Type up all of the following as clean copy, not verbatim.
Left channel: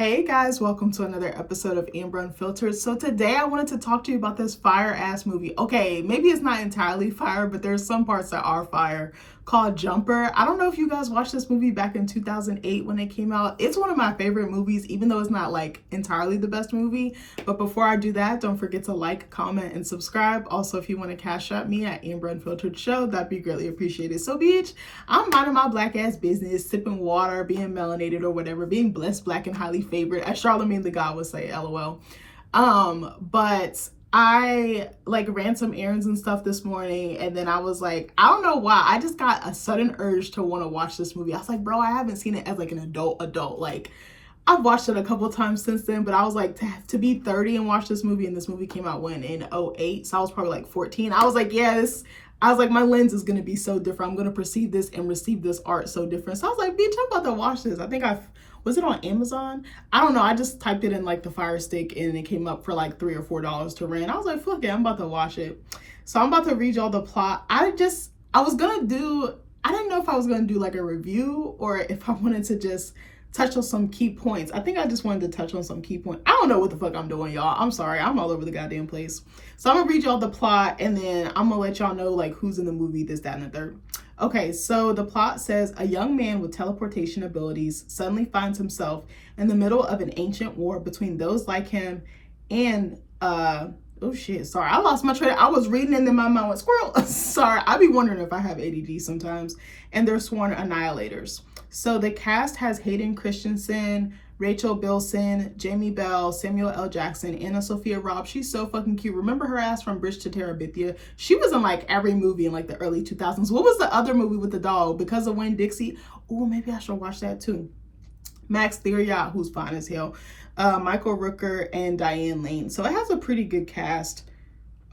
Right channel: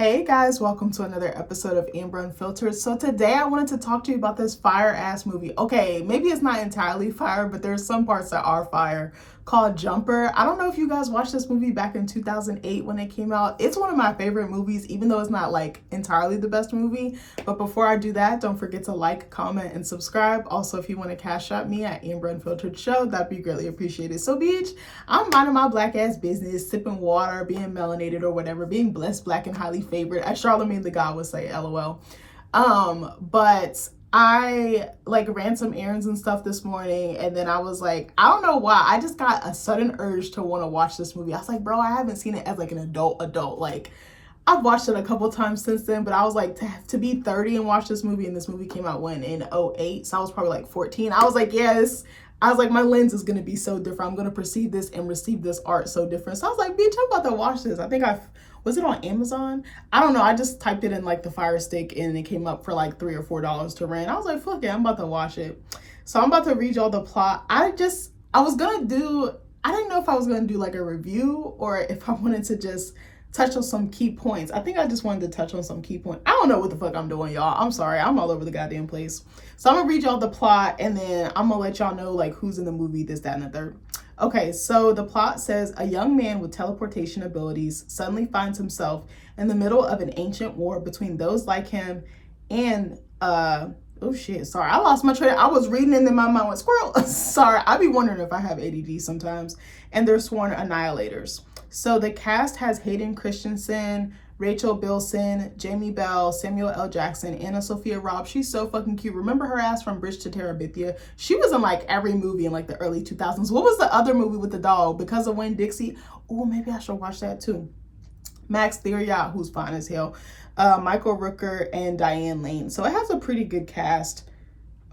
Hey guys, welcome to another episode of Amber Unfiltered. So today I wanted to talk to you about this fire ass movie. Okay, maybe it's not entirely fire, but there's some parts that are fire, called Jumper. I don't know if you guys watched this movie back in 2008 when it came out. It's one of my favorite movies, even though it's not like entirely the best movie. But before I do that, don't forget to like, comment, and subscribe. Also, if you want to cash out me at AmberUnfilteredShow, that'd be greatly appreciated. So bitch, I'm minding my black ass business, sipping water, being melanated or whatever, being blessed, black, and highly favored, as Charlemagne the God would say, LOL. But I ran some errands and stuff this morning, and then I was like, I don't know why, I just got a sudden urge to want to watch this movie. I was like, bro, I haven't seen it as like an adult. Like, I've watched it a couple times since then, but I was like, to be 30 and watch this movie, and this movie came out when? In 08, so I was probably like 14. I was like, yes. I was like, my lens is going to be so different. I'm going to perceive this and receive this art so different. So I was like, bitch, I'm about to watch this. I think was it on Amazon? I don't know. I just typed it in like the Fire Stick and it came up for like $3 or $4 to rent. I was like, fuck it, I'm about to watch it. So I'm about to read y'all the plot. I didn't know if I was going to do like a review or if I wanted to just touch on some key points. I think I just wanted to touch on some key points. I don't know what the fuck I'm doing, y'all. I'm sorry. I'm all over the goddamn place. So I'm gonna read y'all the plot and then I'm gonna let y'all know like who's in the movie, this, that, and the third. Okay, so the plot says a young man with teleportation abilities suddenly finds himself in the middle of an ancient war between those like him and oh shit, sorry, I lost my train. I was reading and then my mind went squirrel. Sorry, I be wondering if I have ADD sometimes. And they're sworn annihilators. So the cast has Hayden Christensen, Rachel Bilson, Jamie Bell, Samuel L. Jackson, Anna Sophia Robb. She's so fucking cute. Remember her ass from Bridge to Terabithia? She was in like every movie in like the early 2000s. What was the other movie with the dog? Because of Winn-Dixie? Oh, maybe I should watch that too. Max Thieriot, who's fine as hell. Michael Rooker and Diane Lane. So it has a pretty good cast.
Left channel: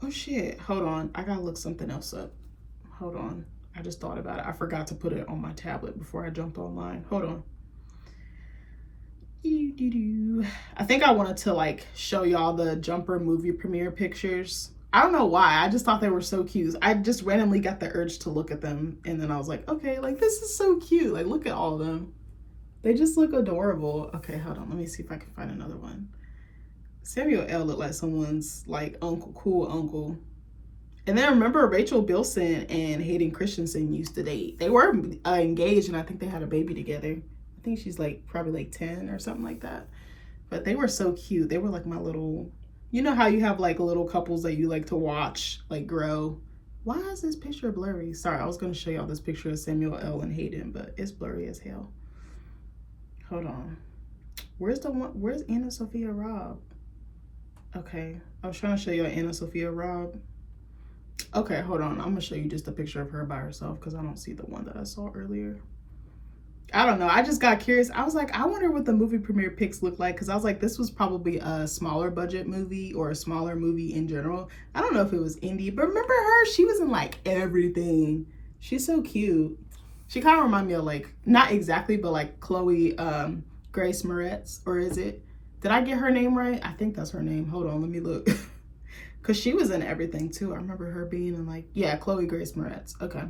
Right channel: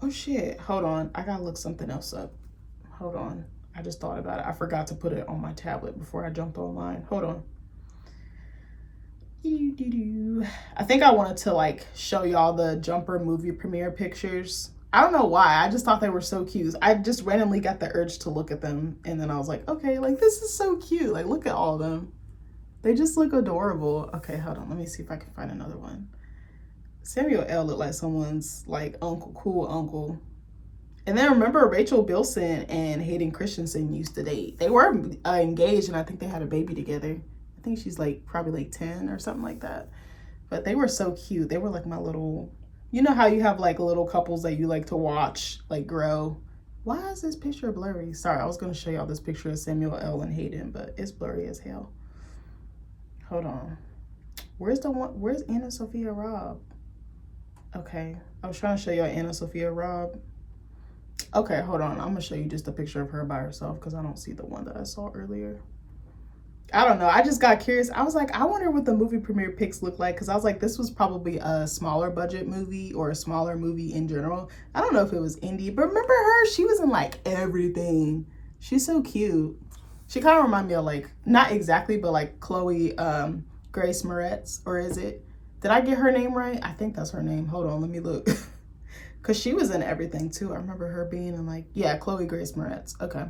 Oh shit, hold on. I gotta look something else up. Hold on. I just thought about it. I forgot to put it on my tablet before I jumped online. Hold on. I think I wanted to like show y'all the Jumper movie premiere pictures. I don't know why. I just thought they were so cute. I just randomly got the urge to look at them. And then I was like, okay, like this is so cute. Like look at all of them. They just look adorable. Okay, hold on. Let me see if I can find another one. Samuel L. looked like someone's like uncle, cool uncle. And then remember Rachel Bilson and Hayden Christensen used to date. They were engaged and I think they had a baby together. I think she's like probably like 10 or something like that. But they were so cute. They were like my little, you know how you have like little couples that you like to watch like grow. Why is this picture blurry? Sorry, I was going to show y'all this picture of Samuel L. and Hayden, but it's blurry as hell. Hold on. Where's Anna Sophia Robb? Okay, I was trying to show y'all Anna Sophia Robb. Okay, hold on. I'm gonna show you just a picture of her by herself because I don't see the one that I saw earlier. I don't know. I just got curious. I was like, I wonder what the movie premiere pics look like because I was like, this was probably a smaller budget movie or a smaller movie in general. I don't know if it was indie, but remember her? She was in like everything. She's so cute. She kind of reminded me of like, not exactly, but like Chloe Grace Moretz, or is it? Did I get her name right? I think that's her name. Hold on, let me look. Because she was in everything too. I remember her being in like, yeah, Chloe Grace Moretz. Okay.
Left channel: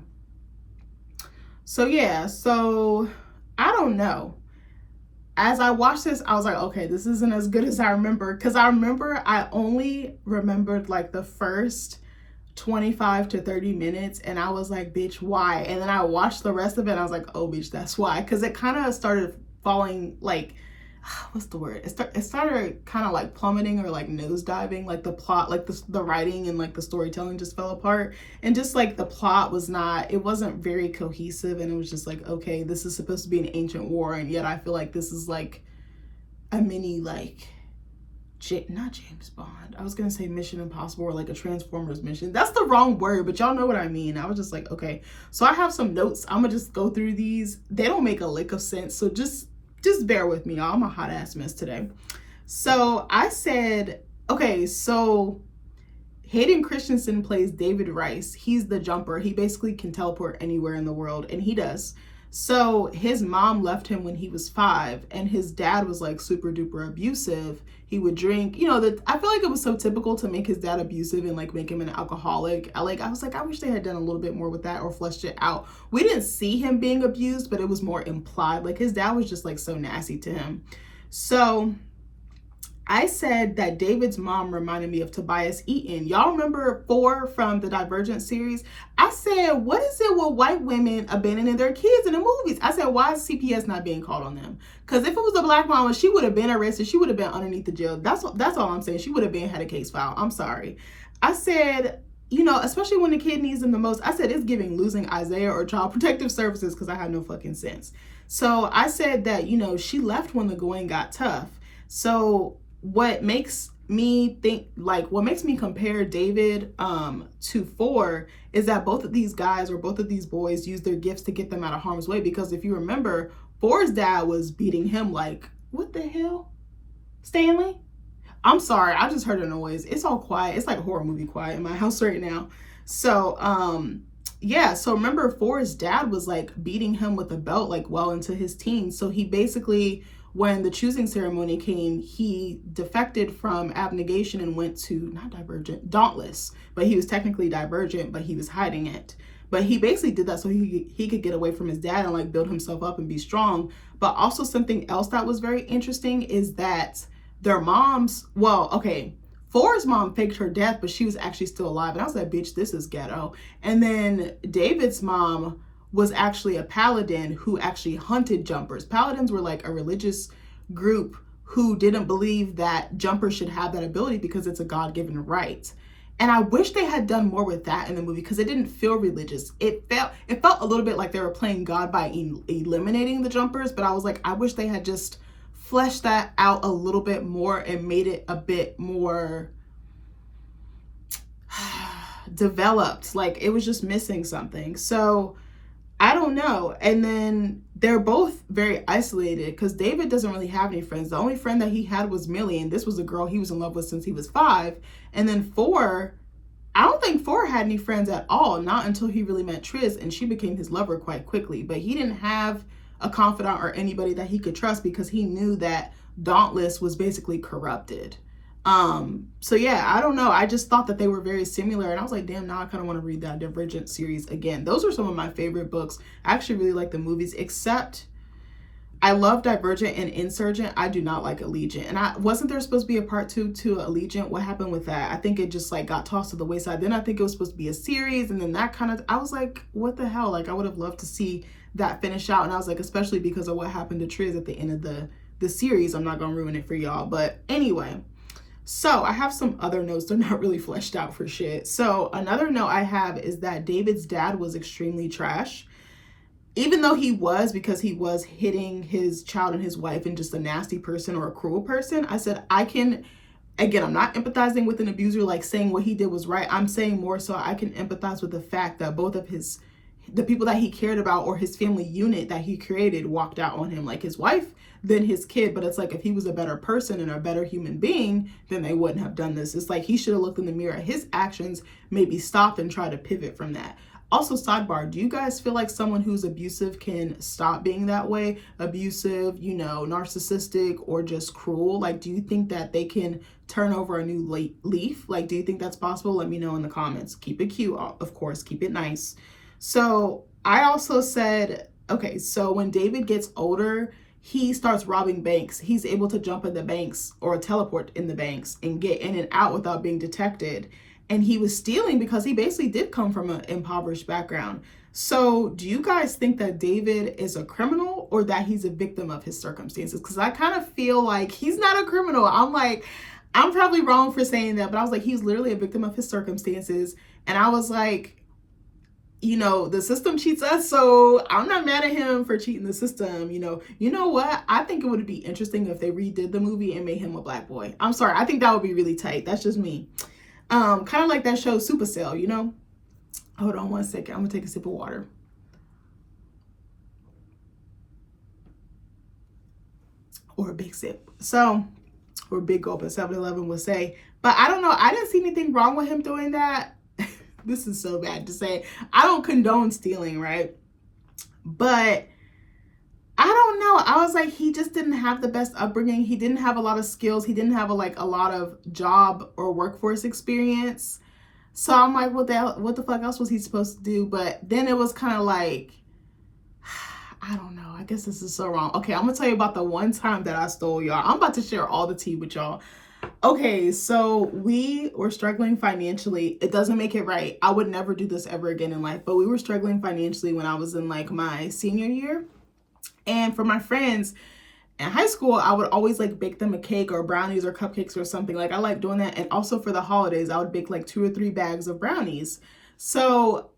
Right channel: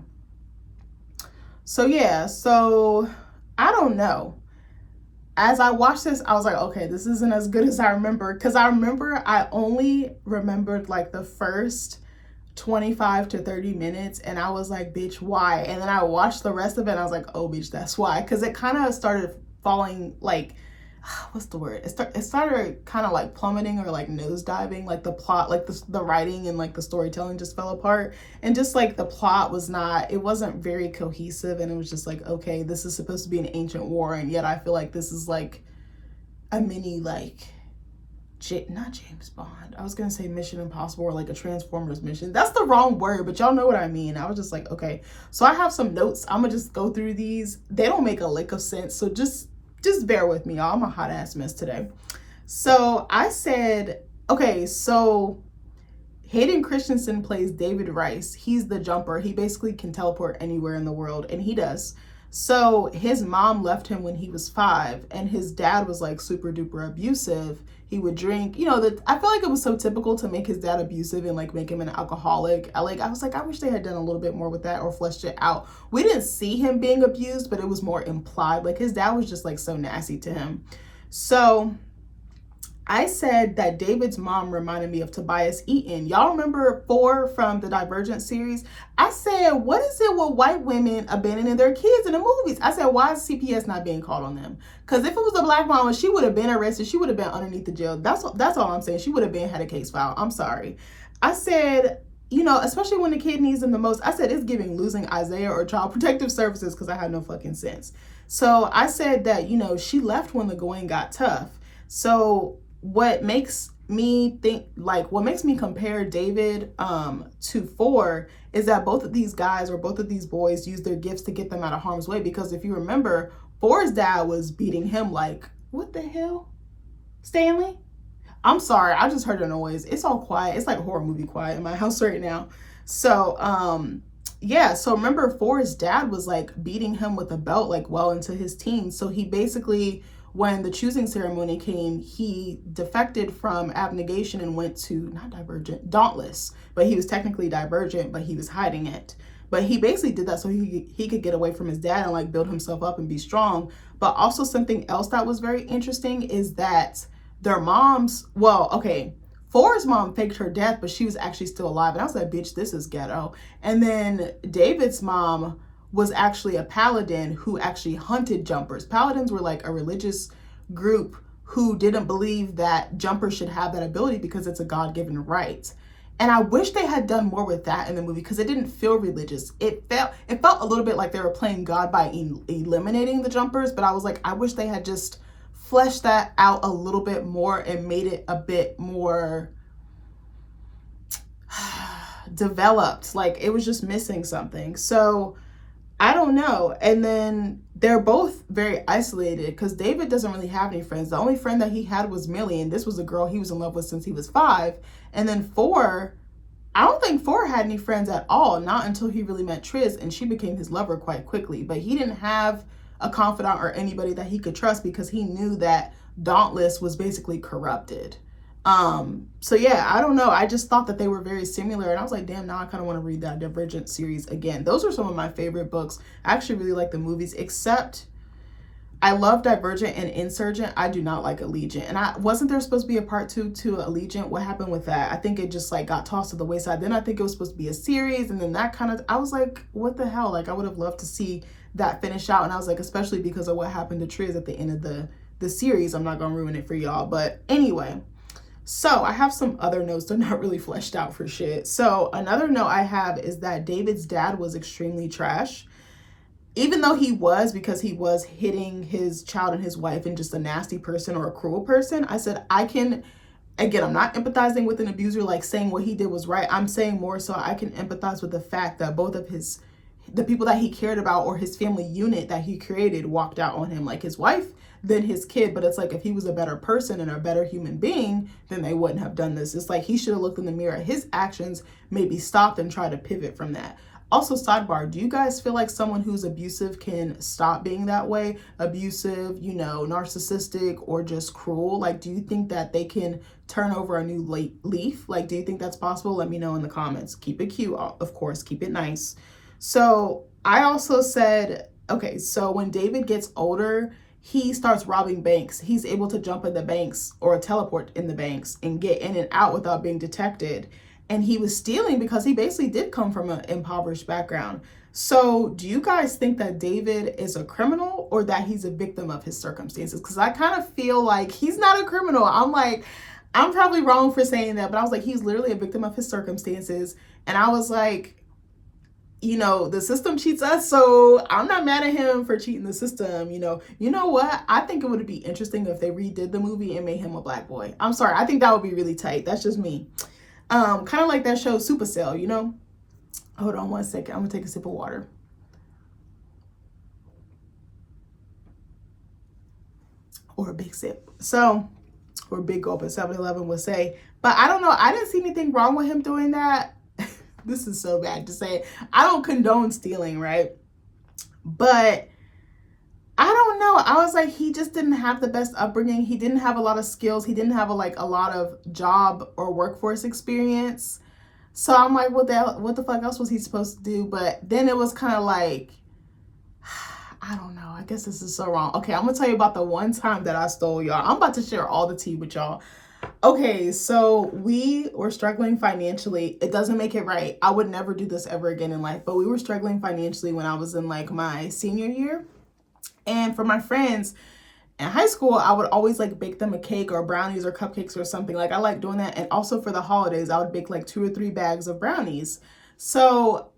So yeah, so I don't know. As I watched this, I was like, okay, this isn't as good as I remember. Because I remember I only remembered like the first 25 to 30 minutes. And I was like, bitch, why? And then I watched the rest of it and I was like, oh, bitch, that's why. Because it kind of started falling like, what's the word? It started kind of like plummeting or like nosediving, like the plot, like the writing and like the storytelling just fell apart. And just like the plot it wasn't very cohesive. And it was just like, okay, this is supposed to be an ancient war. And yet I feel like this is like a mini, like, not James Bond. I was going to say Mission Impossible or like a Transformers mission. That's the wrong word, but y'all know what I mean. I was just like, okay. So I have some notes. I'm going to just go through these. They don't make a lick of sense. So just bear with me, y'all. I'm a hot ass mess today. So I said, okay, so Hayden Christensen plays David Rice. He's the Jumper. He basically can teleport anywhere in the world, and he does. So his mom left him when he was 5, and his dad was like super duper abusive. He would drink, you know, I feel like it was so typical to make his dad abusive and like make him an alcoholic. I was like, I wish they had done a little bit more with that or fleshed it out. We didn't see him being abused, but it was more implied. Like his dad was just like so nasty to him. So I said that David's mom reminded me of Tobias Eaton. Y'all remember 4 from the Divergent series? I said, what is it with white women abandoning their kids in the movies? I said, why is CPS not being called on them? Because if it was a black mama, she would have been arrested. She would have been underneath the jail. That's all I'm saying. She would have had a case filed. I'm sorry. I said, you know, especially when the kid needs them the most, I said it's giving losing Isaiah or Child Protective Services because I have no fucking sense. So I said that, you know, she left when the going got tough. So what makes me compare David to 4 is that both of these guys or both of these boys use their gifts to get them out of harm's way. Because if you remember, 4's dad was beating him like, what the hell? Stanley? I'm sorry, I just heard a noise. It's all quiet. It's like horror movie quiet in my house right now. So yeah, so remember 4's dad was like beating him with a belt like well into his teens. So he basically, when the choosing ceremony came, he defected from abnegation and went to, not Divergent, Dauntless. But he was technically Divergent, but he was hiding it. But he basically did that so he could get away from his dad and like build himself up and be strong. But also something else that was very interesting is that their moms, well, okay, 4's mom faked her death, but she was actually still alive. And I was like, bitch, this is ghetto. And then David's mom was actually a paladin who actually hunted jumpers. Paladins were like a religious group who didn't believe that jumpers should have that ability because it's a God-given right. And I wish they had done more with that in the movie because it didn't feel religious. It felt a little bit like they were playing God by eliminating the jumpers, but I was like, I wish they had just fleshed that out a little bit more and made it a bit more developed. Like it was just missing something. So I don't know. And then they're both very isolated because David doesn't really have any friends. The only friend that he had was Millie, and this was a girl he was in love with since he was 5. And then 4, I don't think 4 had any friends at all, not until he really met Triz, and she became his lover quite quickly. But he didn't have a confidant or anybody that he could trust because he knew that Dauntless was basically corrupted. So yeah, I don't know. I just thought that they were very similar, and I was like, damn, now I kind of want to read that Divergent series again. Those are some of my favorite books. I actually really like the movies, except I love Divergent and Insurgent. I do not like Allegiant. And wasn't there supposed to be a part 2 to Allegiant? What happened with that? I think it just like got tossed to the wayside. Then I think it was supposed to be a series, and then that kind of, I was like, what the hell? Like I would have loved to see that finish out. And I was like, especially because of what happened to Triz at the end of the series. I'm not gonna ruin it for y'all, but anyway. So I have some other notes. They're not really fleshed out for shit. So another note I have is that David's dad was extremely trash. Even though he was, because he was hitting his child and his wife and just a nasty person or a cruel person, I said, again, I'm not empathizing with an abuser, like saying what he did was right. I'm saying more so I can empathize with the fact that both of the people that he cared about or his family unit that he created walked out on him, like his wife, then his kid. But it's like, if he was a better person and a better human being, then they wouldn't have done this. It's like he should have looked in the mirror at his actions, maybe stopped and tried to pivot from that. Also, sidebar, do you guys feel like someone who's abusive can stop being that way? Abusive, you know, narcissistic, or just cruel? Like, do you think that they can turn over a new leaf? Like, do you think that's possible? Let me know in the comments. Keep it cute, of course, keep it nice. So I also said, okay, so when David gets older, he starts robbing banks. He's able to jump in the banks or teleport in the banks and get in and out without being detected. And he was stealing because he basically did come from an impoverished background. So do you guys think that David is a criminal or that he's a victim of his circumstances? Because I kind of feel like he's not a criminal. I'm probably wrong for saying that, but I was like, he's literally a victim of his circumstances. And I was like, you know, the system cheats us, so I'm not mad at him for cheating the system. You know what? I think it would be interesting if they redid the movie and made him a black boy. I'm sorry. I think that would be really tight. That's just me. Kind of like that show Supercell, you know? Hold on one second. I'm gonna take a sip of water. Or a big sip. So, or a big gulp, as 7-Eleven would say. But I don't know. I didn't see anything wrong with him doing that. This is so bad to say. I don't condone stealing, right? But I don't know. I was like, he just didn't have the best upbringing. He didn't have a lot of skills. He didn't have a lot of job or workforce experience. So I'm like, what the fuck else was he supposed to do? But then it was kind of like, I don't know. I guess this is so wrong. Okay, I'm gonna tell you about the one time that I stole, y'all. I'm about to share all the tea with y'all. Okay, so we were struggling financially. It doesn't make it right. I would never do this ever again in life, but we were struggling financially when I was in like my senior year. And for my friends in high school, I would always like bake them a cake or brownies or cupcakes or something. Like I like doing that. And also for the holidays, I would bake like 2 or 3 bags of brownies. So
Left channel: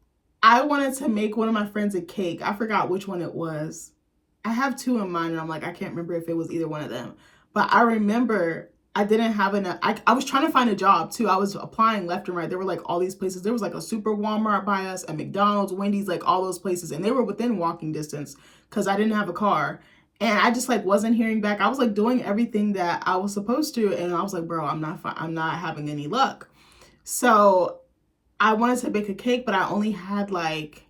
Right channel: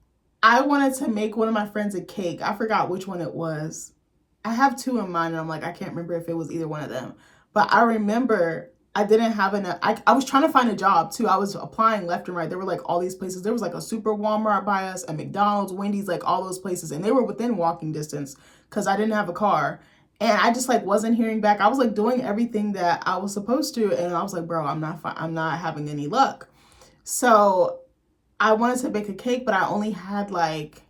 I wanted to make one of my friends a cake. I forgot which one it was. I have 2 in mind, and I'm like, I can't remember if it was either one of them. But I remember I didn't have enough. I was trying to find a job too. I was applying left and right. There were like all these places. There was like a super Walmart by us, a McDonald's, Wendy's, like all those places. And they were within walking distance because I didn't have a car. And I just like wasn't hearing back. I was like doing everything that I was supposed to. And I was like, bro, I'm not having any luck. So I wanted to bake a cake, but I only had like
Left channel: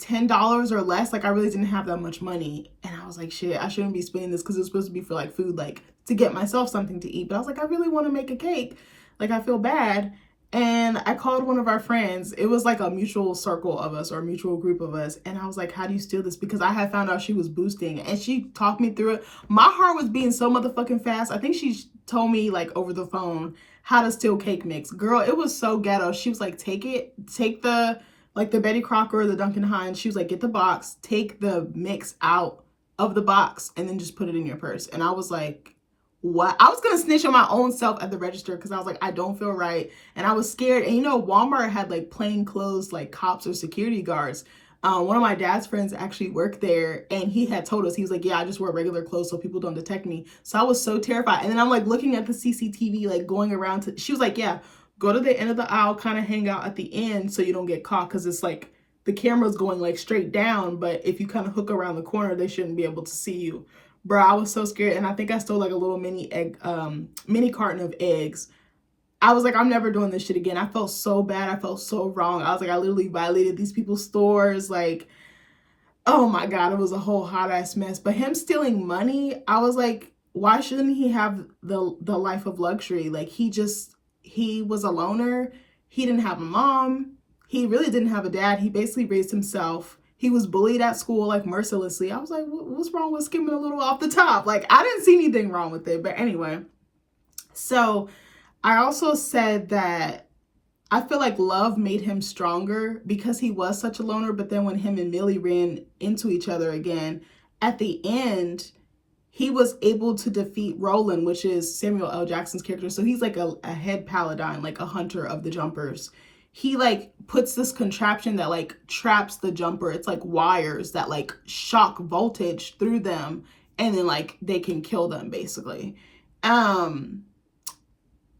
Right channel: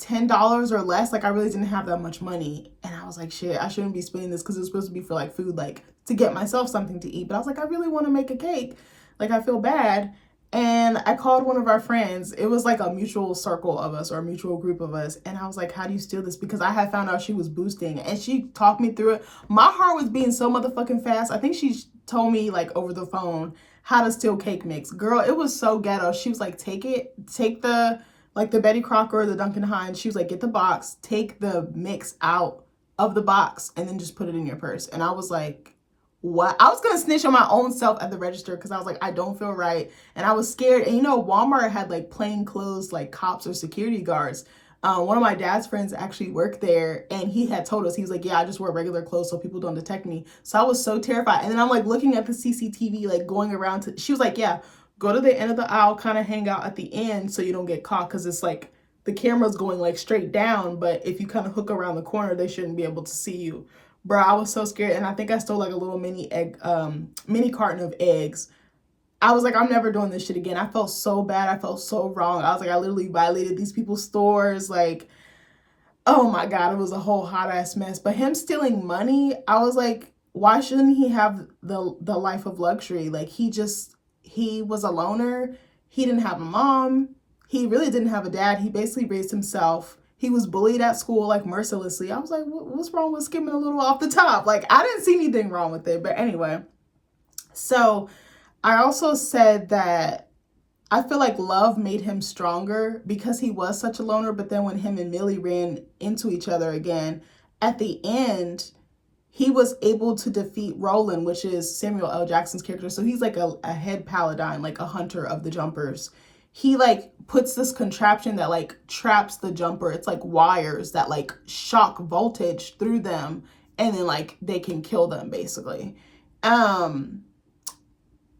$10 or less. Like I really didn't have that much money. And I was like, shit, I shouldn't be spending this because it's supposed to be for like food, like to get myself something to eat. But I was like, I really want to make a cake. Like I feel bad. And I called one of our friends. It was like a mutual circle of us or a mutual group of us. And I was like, how do you steal this? Because I had found out she was boosting and she talked me through it. My heart was beating so motherfucking fast. I think she told me like over the phone how to steal cake mix. Girl, it was so ghetto. She was like, take the like the Betty Crocker or the Duncan Hines. She was like, get the box, take the mix out of the box, and then just put it in your purse. And I was like, what? I was gonna snitch on my own self at the register because I was like, I don't feel right. And I was scared. And you know, Walmart had like plain clothes, like cops or security guards. One of my dad's friends actually worked there and he had told us, he was like, yeah, I just wear regular clothes so people don't detect me. So I was so terrified. And then I'm like looking at the CCTV, like going around to, she was like, yeah, go to the end of the aisle, kind of hang out at the end so you don't get caught because it's like the camera's going like straight down, but if you kind of hook around the corner, they shouldn't be able to see you. Bro, I was so scared, and I think I stole like a little mini carton of eggs. I was like, I'm never doing this shit again. I felt so bad. I felt so wrong. I was like, I literally violated these people's stores. Like, oh my God, it was a whole hot ass mess. But him stealing money, I was like, why shouldn't he have the life of luxury? Like he was a loner. He didn't have a mom. He really didn't have a dad. He basically raised himself. He was bullied at school, like mercilessly. I was like, what's wrong with skimming a little off the top? Like, I didn't see anything wrong with it. But anyway, so I also said that I feel like love made him stronger because he was such a loner. But then when him and Millie ran into each other again, at the end, he was able to defeat Roland, which is Samuel L. Jackson's character. So he's like a head paladin, like a hunter of the jumpers. He like puts this contraption that like traps the jumper. It's like wires that like shock voltage through them and then like they can kill them basically.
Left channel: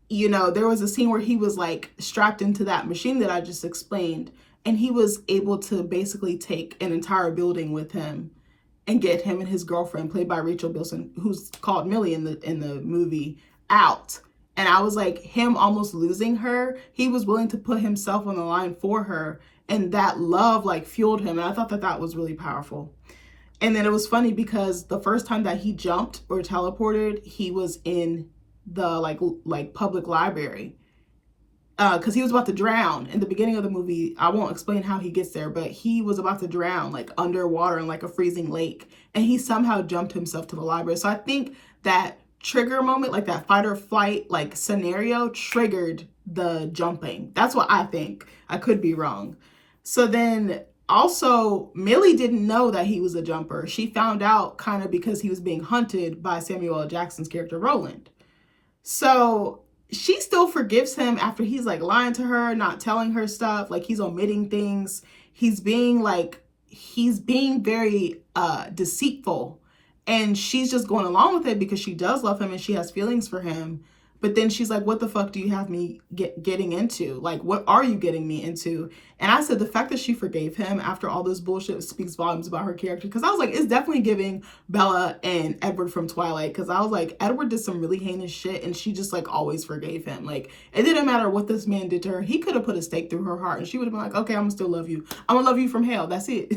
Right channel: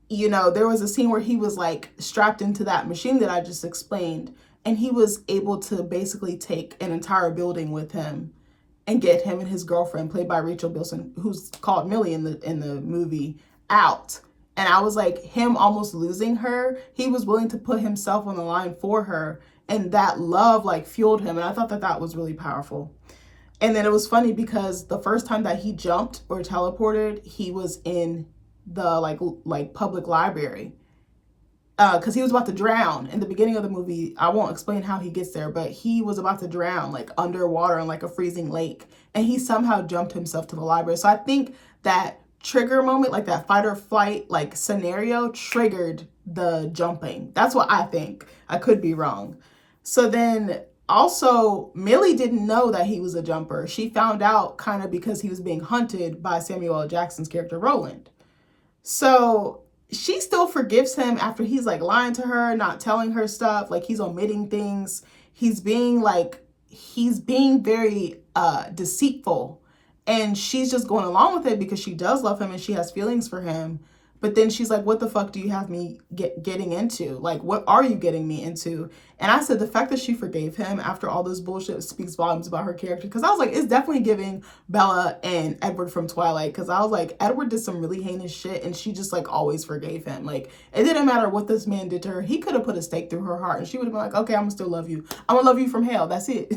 You know, there was a scene where he was like strapped into that machine that I just explained, and he was able to basically take an entire building with him and get him and his girlfriend, played by Rachel Bilson, who's called Millie in the movie, out. And I was like, him almost losing her, he was willing to put himself on the line for her, and that love like fueled him. And I thought that that was really powerful. And then it was funny because the first time that he jumped or teleported, he was in the like public library because he was about to drown in the beginning of the movie. I won't explain how he gets there, but he was about to drown like underwater in like a freezing lake, and he somehow jumped himself to the library. So I think that trigger moment, like that fight or flight like scenario, triggered the jumping. That's what I think. I could be wrong. So then also Millie didn't know that he was a jumper. She found out kind of because he was being hunted by Samuel L. Jackson's character Roland. So she still forgives him after he's like lying to her, not telling her stuff, like he's omitting things. He's being very deceitful, and she's just going along with it because she does love him and she has feelings for him. But then she's like, what the fuck do you have me getting into? Like, what are you getting me into? And I said the fact that she forgave him after all this bullshit speaks volumes about her character. Because I was like, it's definitely giving Bella and Edward from Twilight. Because I was like, Edward did some really heinous shit and she just like always forgave him. Like, it didn't matter what this man did to her. He could have put a stake through her heart and she would have been like, okay, I'm gonna still love you. I'm gonna love you from hell. That's it.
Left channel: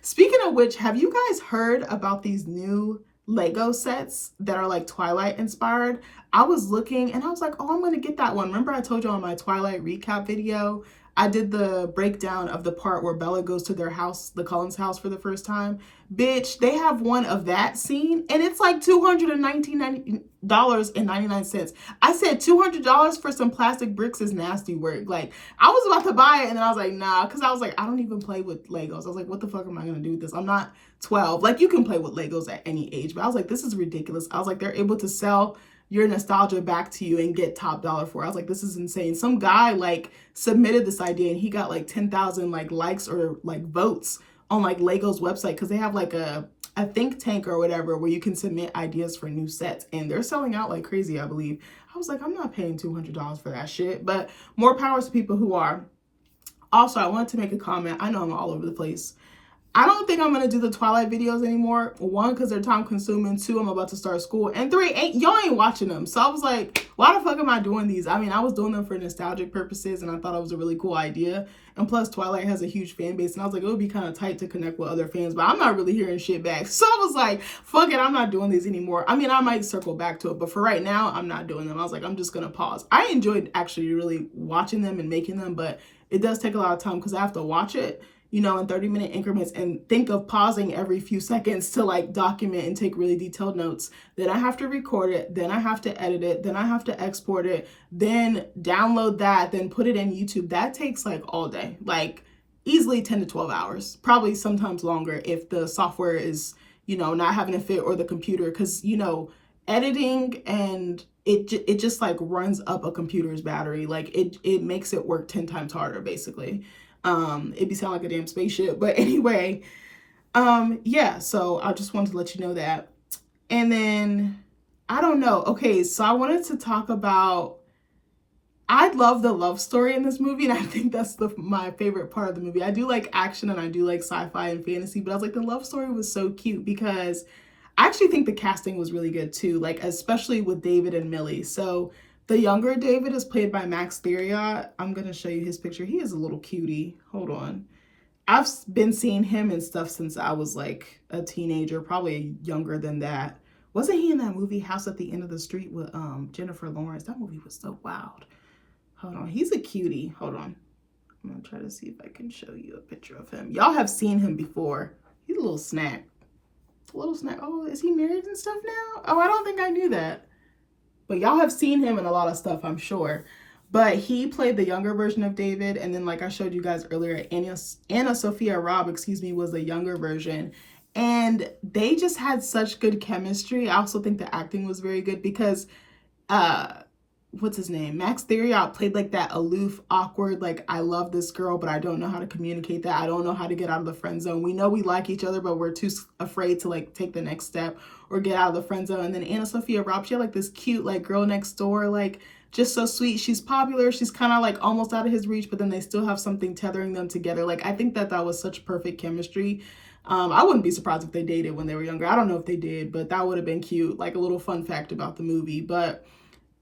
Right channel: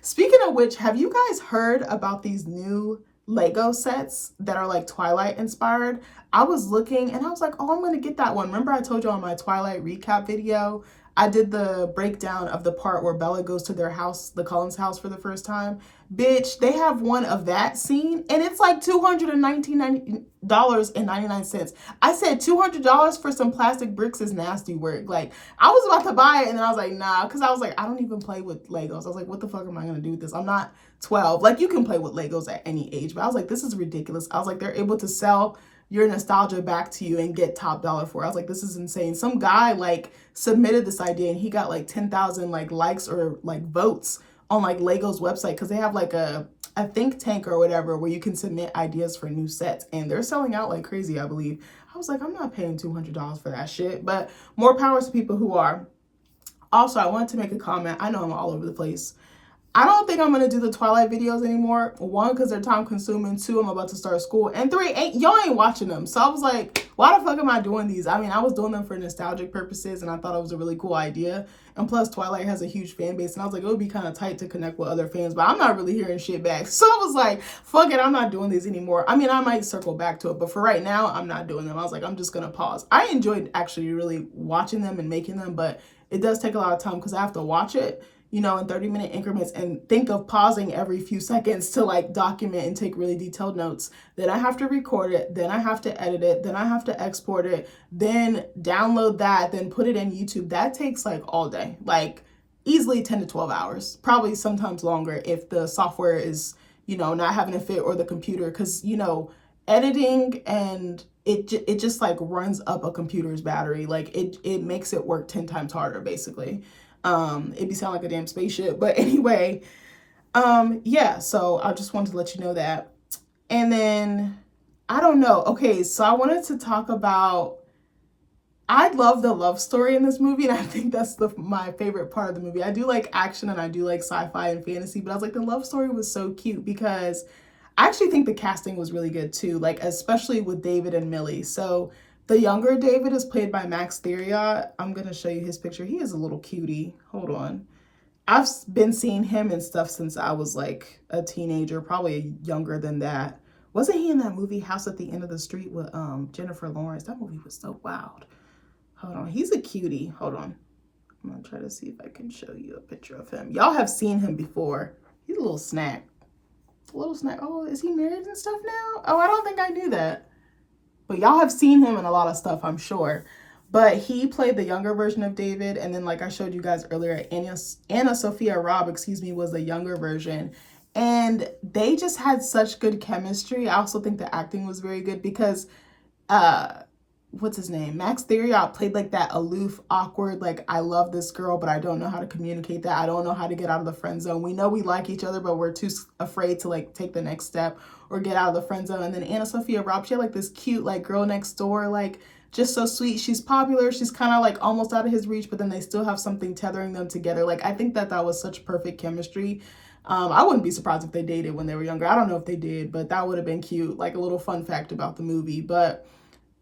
Speaking of which, have you guys heard about these new Lego sets that are like Twilight inspired? I was looking and I was like, oh, I'm gonna get that one. Remember I told you on my Twilight recap video, I did the breakdown of the part where Bella goes to their house, the Cullens house, for the first time. Bitch, they have one of that scene, and it's like $219.99. I said $200 for some plastic bricks is nasty work. Like, I was about to buy it, and then I was like, nah, because I was like, I don't even play with Legos. I was like, what the fuck am I going to do with this? I'm not 12. Like, you can play with Legos at any age, but I was like, this is ridiculous. I was like, they're able to sell your nostalgia back to you and get top dollar for it. I was like, this is insane. Some guy like submitted this idea and he got like 10,000 like likes or like votes on like Lego's website, because they have like a think tank or whatever where you can submit ideas for new sets, and they're selling out like crazy, I believe. I was like, I'm not paying $200 for that shit, but more power to people who are. Also, I wanted to make a comment. I know I'm all over the place. I don't think I'm going to do the Twilight videos anymore. One, because they're time consuming. Two, I'm about to start school. And three, y'all ain't watching them. So I was like, why the fuck am I doing these? I mean, I was doing them for nostalgic purposes, and I thought it was a really cool idea. And plus, Twilight has a huge fan base, and I was like, it would be kind of tight to connect with other fans, but I'm not really hearing shit back. So I was like, fuck it, I'm not doing these anymore. I mean, I might circle back to it, but for right now, I'm not doing them. I was like, I'm just going to pause. I enjoyed actually really watching them and making them, but it does take a lot of time because I have to watch it, you know, in 30-minute increments, and think of pausing every few seconds to like document and take really detailed notes. Then I have to record it. Then I have to edit it. Then I have to export it. Then download that. Then put it in YouTube. That takes like all day, like easily 10 to 12 hours, probably sometimes longer if the software is, you know, not having a fit, or the computer, because, you know, editing and it just like runs up a computer's battery. Like it makes it work 10 times harder, basically. It'd be sound like a damn spaceship. But anyway, yeah, so I just wanted to let you know that. And then, I don't know. Okay, so I wanted to talk about, I love the love story in this movie, and I think that's my favorite part of the movie. I do like action and I do like sci-fi and fantasy, but I was like, the love story was so cute because I actually think the casting was really good too, like especially with David and Millie. So the younger David is played by Max Theriot. I'm going to show you his picture. He is a little cutie. Hold on. I've been seeing him and stuff since I was like a teenager, probably younger than that. Wasn't he in that movie House at the End of the Street with Jennifer Lawrence? That movie was so wild. Hold on. He's a cutie. Hold on. I'm going to try to see if I can show you a picture of him. Y'all have seen him before. He's a little snack. A little snack. Oh, is he married and stuff now? Oh, I don't think I knew that. But y'all have seen him in a lot of stuff, I'm sure. But he played the younger version of David. And then, like I showed you guys earlier, Anna Sophia Robb, was the younger version. And they just had such good chemistry. I also think the acting was very good because, what's his name? Max Theriot played like that aloof, awkward, like, I love this girl, but I don't know how to communicate that. I don't know how to get out of the friend zone. We know we like each other, but we're too afraid to like take the next step or get out of the friend zone. And then Anna Sophia Robb, she had like this cute, like, girl next door, like, just so sweet. She's popular. She's kind of like almost out of his reach, but then they still have something tethering them together. Like, I think that was such perfect chemistry. I wouldn't be surprised if they dated when they were younger. I don't know if they did, but that would have been cute. Like a little fun fact about the movie. But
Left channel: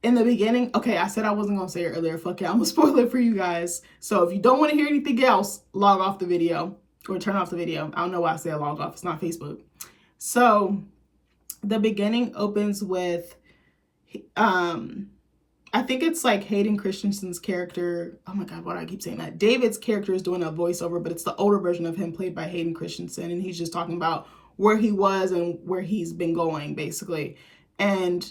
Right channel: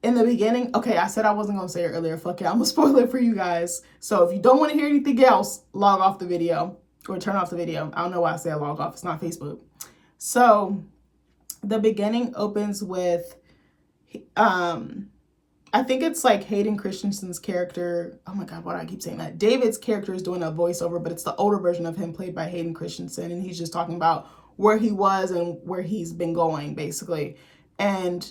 in the beginning, okay, I said I wasn't going to say it earlier. Fuck it, I'm going to spoil it for you guys. So if you don't want to hear anything else, log off the video or turn off the video. I don't know why I say log off. It's not Facebook. So the beginning opens with, I think it's like Hayden Christensen's character. Oh my God, why do I keep saying that? David's character is doing a voiceover, but it's the older version of him played by Hayden Christensen. And he's just talking about where he was and where he's been going, basically. And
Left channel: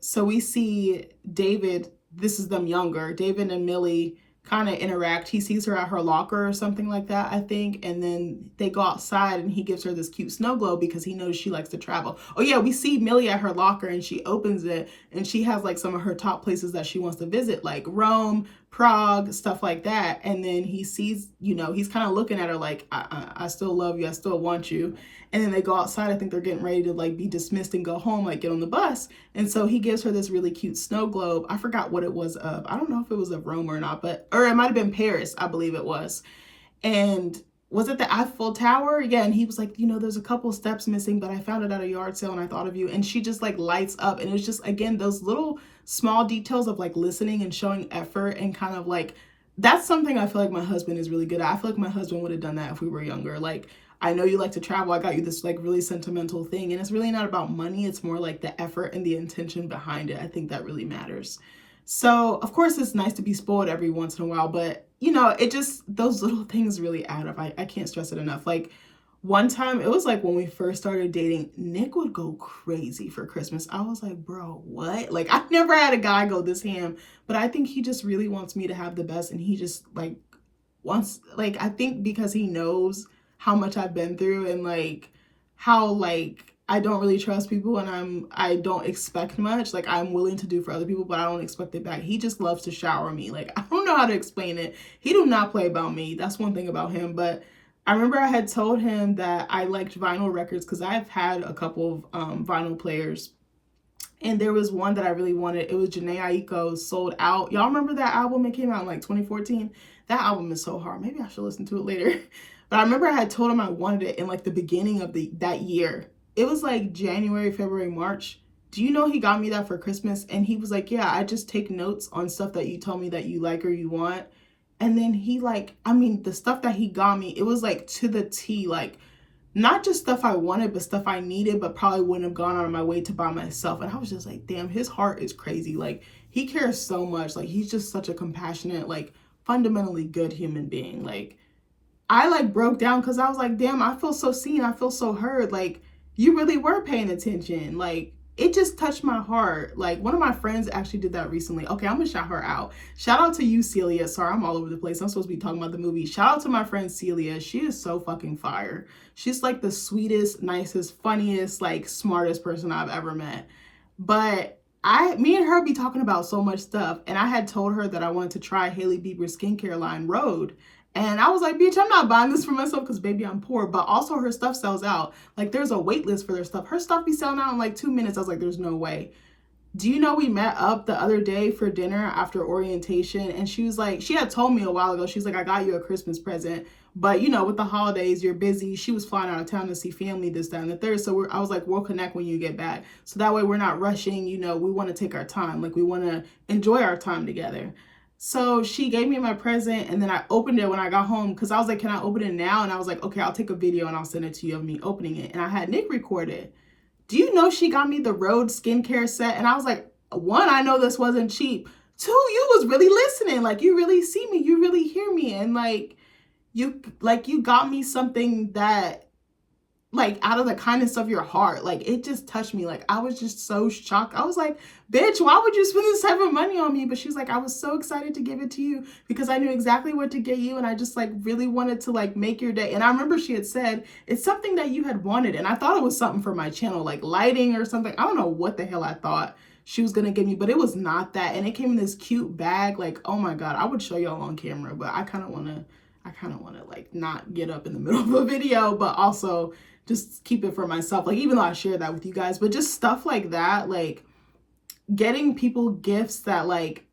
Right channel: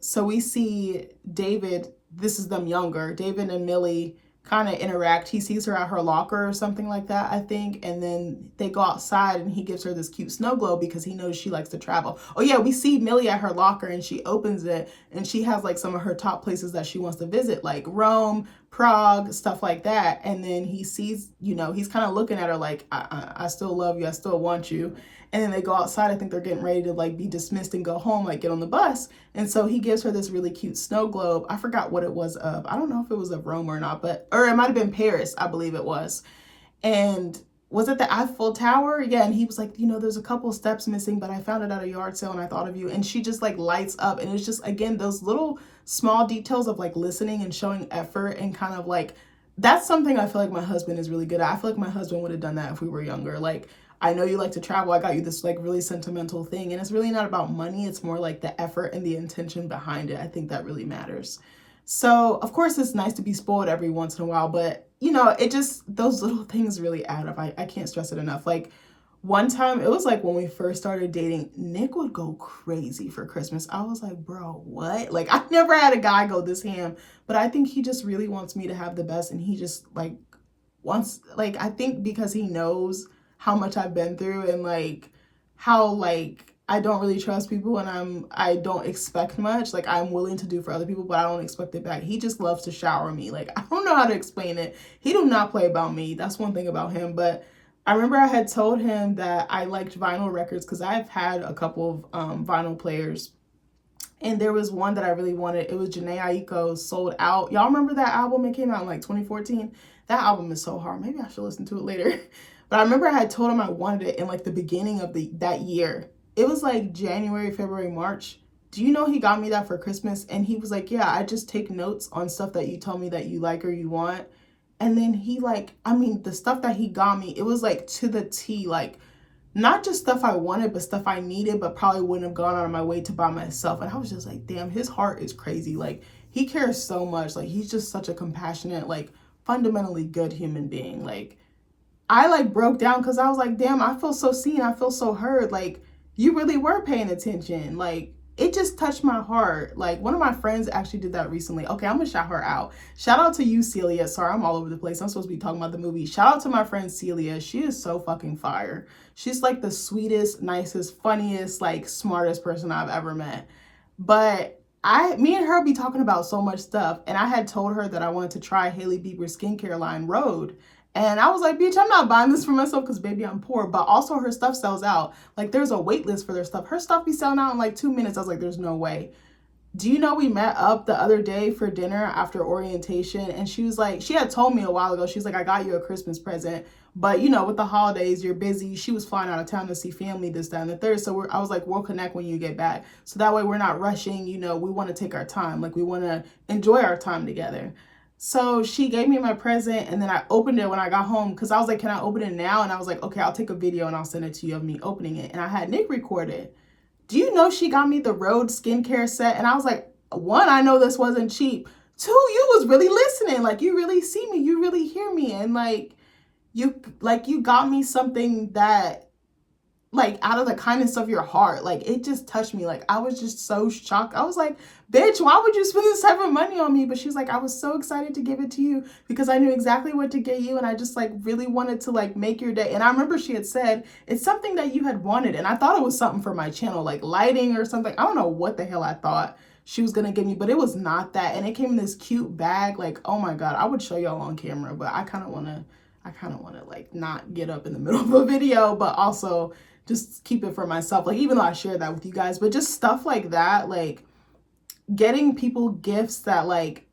so we see David, this is them younger, David and Millie kind of interact. He sees her at her locker or something like that, I think. And then they go outside and he gives her this cute snow globe because he knows she likes to travel. Oh yeah, we see Millie at her locker and she opens it and she has like some of her top places that she wants to visit, like Rome, Prague, stuff like that. And then he sees, you know, he's kind of looking at her like, I still love you. I still want you. And then they go outside. I think they're getting ready to like be dismissed and go home, like get on the bus. And so he gives her this really cute snow globe. I forgot what it was of. I don't know if it was of Rome or not, or it might have been Paris, I believe it was. And was it the Eiffel Tower? Yeah. And he was like, you know, there's a couple steps missing, but I found it at a yard sale and I thought of you. And she just like lights up. And it's just, again, those little small details of like listening and showing effort and kind of like, that's something I feel like my husband is really good at. I feel like my husband would have done that if we were younger. Like, I know you like to travel. I got you this like really sentimental thing. And it's really not about money. It's more like the effort and the intention behind it. I think that really matters. So of course it's nice to be spoiled every once in a while, but you know, it just, those little things really add up. I can't stress it enough. Like, one time, it was like when we first started dating, Nick would go crazy for Christmas. I was like, bro, what? Like, I never had a guy go this ham, but I think he just really wants me to have the best. And he just like wants, like, I think because he knows how much I've been through and like how like I don't really trust people and I don't expect much. Like, I'm willing to do for other people, but I don't expect it back. He just loves to shower me. Like, I don't know how to explain it. He do not play about me. That's one thing about him. But I remember I had told him that I liked vinyl records because I've had a couple of vinyl players. And there was one that I really wanted. It was Jhené Aiko's Sold Out. Y'all remember that album? It came out in like 2014. That album is so hard. Maybe I should listen to it later. But I remember I had told him I wanted it in like the beginning of that year. It was like January, February, March. Do you know he got me that for Christmas? And he was like, yeah, I just take notes on stuff that you tell me that you like or you want. And then he like, I mean, the stuff that he got me, it was like to the T, like not just stuff I wanted, but stuff I needed, but probably wouldn't have gone out of my way to buy myself. And I was just like, damn, his heart is crazy. Like, he cares so much. Like, he's just such a compassionate, like, fundamentally good human being. Like, I like broke down because I was like, damn, I feel so seen. I feel so heard. Like, you really were paying attention. Like, it just touched my heart. Like, one of my friends actually did that recently. Okay, I'm gonna shout her out. Shout out to you, Celia. Sorry, I'm all over the place. I'm supposed to be talking about the movie. Shout out to my friend Celia. She is so fucking fire. She's like the sweetest, nicest, funniest, like smartest person I've ever met. But me and her be talking about so much stuff. And I had told her that I wanted to try Hailey Bieber's skincare line, Rhode. And I was like, bitch, I'm not buying this for myself because baby, I'm poor. But also her stuff sells out. Like, there's a wait list for their stuff. Her stuff be selling out in like 2 minutes. I was like, there's no way. Do you know we met up the other day for dinner after orientation? And she was like, she had told me a while ago, she's like, I got you a Christmas present. But, you know, with the holidays, you're busy. She was flying out of town to see family, this, that, and the third. So I was like, we'll connect when you get back. So that way we're not rushing. You know, we want to take our time. Like, we want to enjoy our time together. So she gave me my present and then I opened it when I got home because I was like, can I open it now? And I was like, okay, I'll take a video and I'll send it to you of me opening it. And I had Nick record it. Do you know she got me the Rhode skincare set? And I was like, one, I know this wasn't cheap. Two, you was really listening. Like, you really see me. You really hear me. And you got me something that, like, out of the kindness of your heart. Like, it just touched me. Like, I was just so shocked. I was like, bitch, why would you spend this type of money on me? But she's like, I was so excited to give it to you because I knew exactly what to get you. And I just like really wanted to like make your day. And I remember she had said, it's something that you had wanted. And I thought it was something for my channel, like lighting or something. I don't know what the hell I thought she was going to give me, but it was not that. And it came in this cute bag. Like, oh my God, I would show y'all on camera, but I kind of want to like not get up in the middle of a video, but also just keep it for myself. Like, even though I share that with you guys, but just stuff like that, like getting people gifts that, like,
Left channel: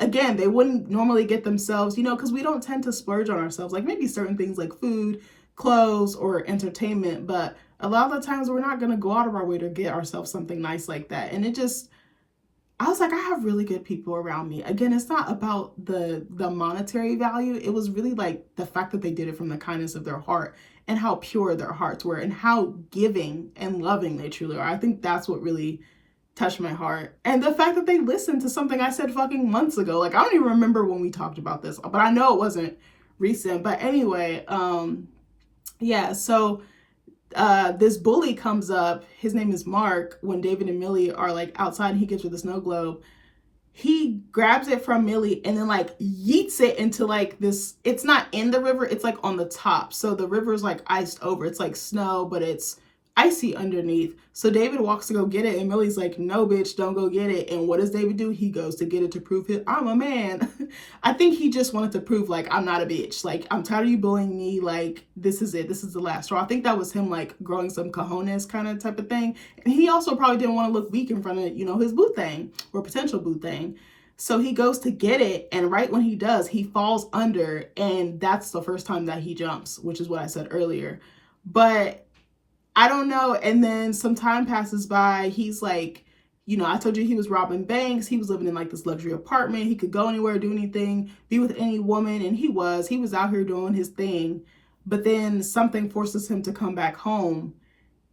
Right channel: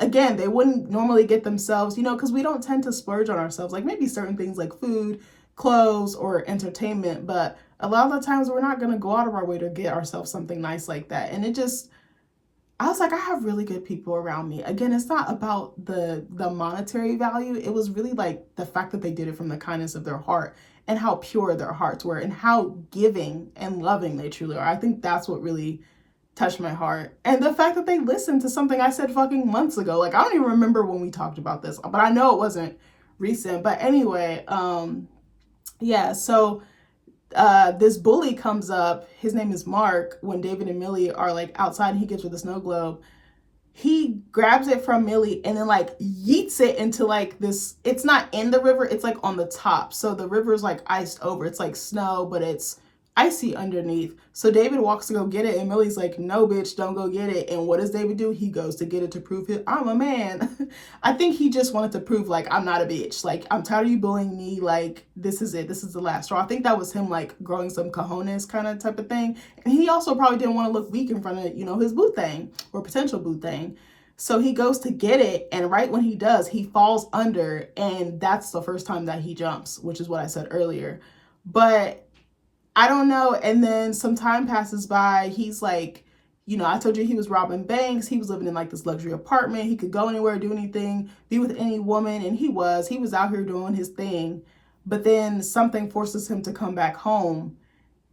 again, they wouldn't normally get themselves, you know, because we don't tend to splurge on ourselves. Like, maybe certain things like food, clothes, or entertainment, but a lot of the times we're not going to go out of our way to get ourselves something nice like that. And it just, I was like, I have really good people around me. Again, it's not about the monetary value. It was really like the fact that they did it from the kindness of their heart and how pure their hearts were and how giving and loving they truly are. I think that's what really touched my heart. And the fact that they listened to something I said fucking months ago. Like, I don't even remember when we talked about this, but I know it wasn't recent. But anyway, yeah, so this bully comes up. His name is Mark. When David and Millie are like outside and he gives her the snow globe, he grabs it from Millie and then like yeets it into like this, it's not in the river, it's like on the top. So the river is like iced over. It's like snow, but it's icy underneath. So David walks to go get it and Millie's like, no bitch, don't go get it. And what does David do? He goes to get it to prove I'm a man. I think he just wanted to prove like, I'm not a bitch. Like, I'm tired of you bullying me. Like, this is it. This is the last straw. I think that was him like growing some cojones kind of type of thing. And he also probably didn't want to look weak in front of, you know, his boo thing or potential boo thing. So he goes to get it, and right when he does, he falls under, and that's the first time that he jumps, which is what I said earlier. But I don't know. And then some time passes by. He's like, you know, I told you he was robbing banks. He was living in like this luxury apartment. He could go anywhere, do anything, be with any woman. And he was out here doing his thing. But then something forces him to come back home.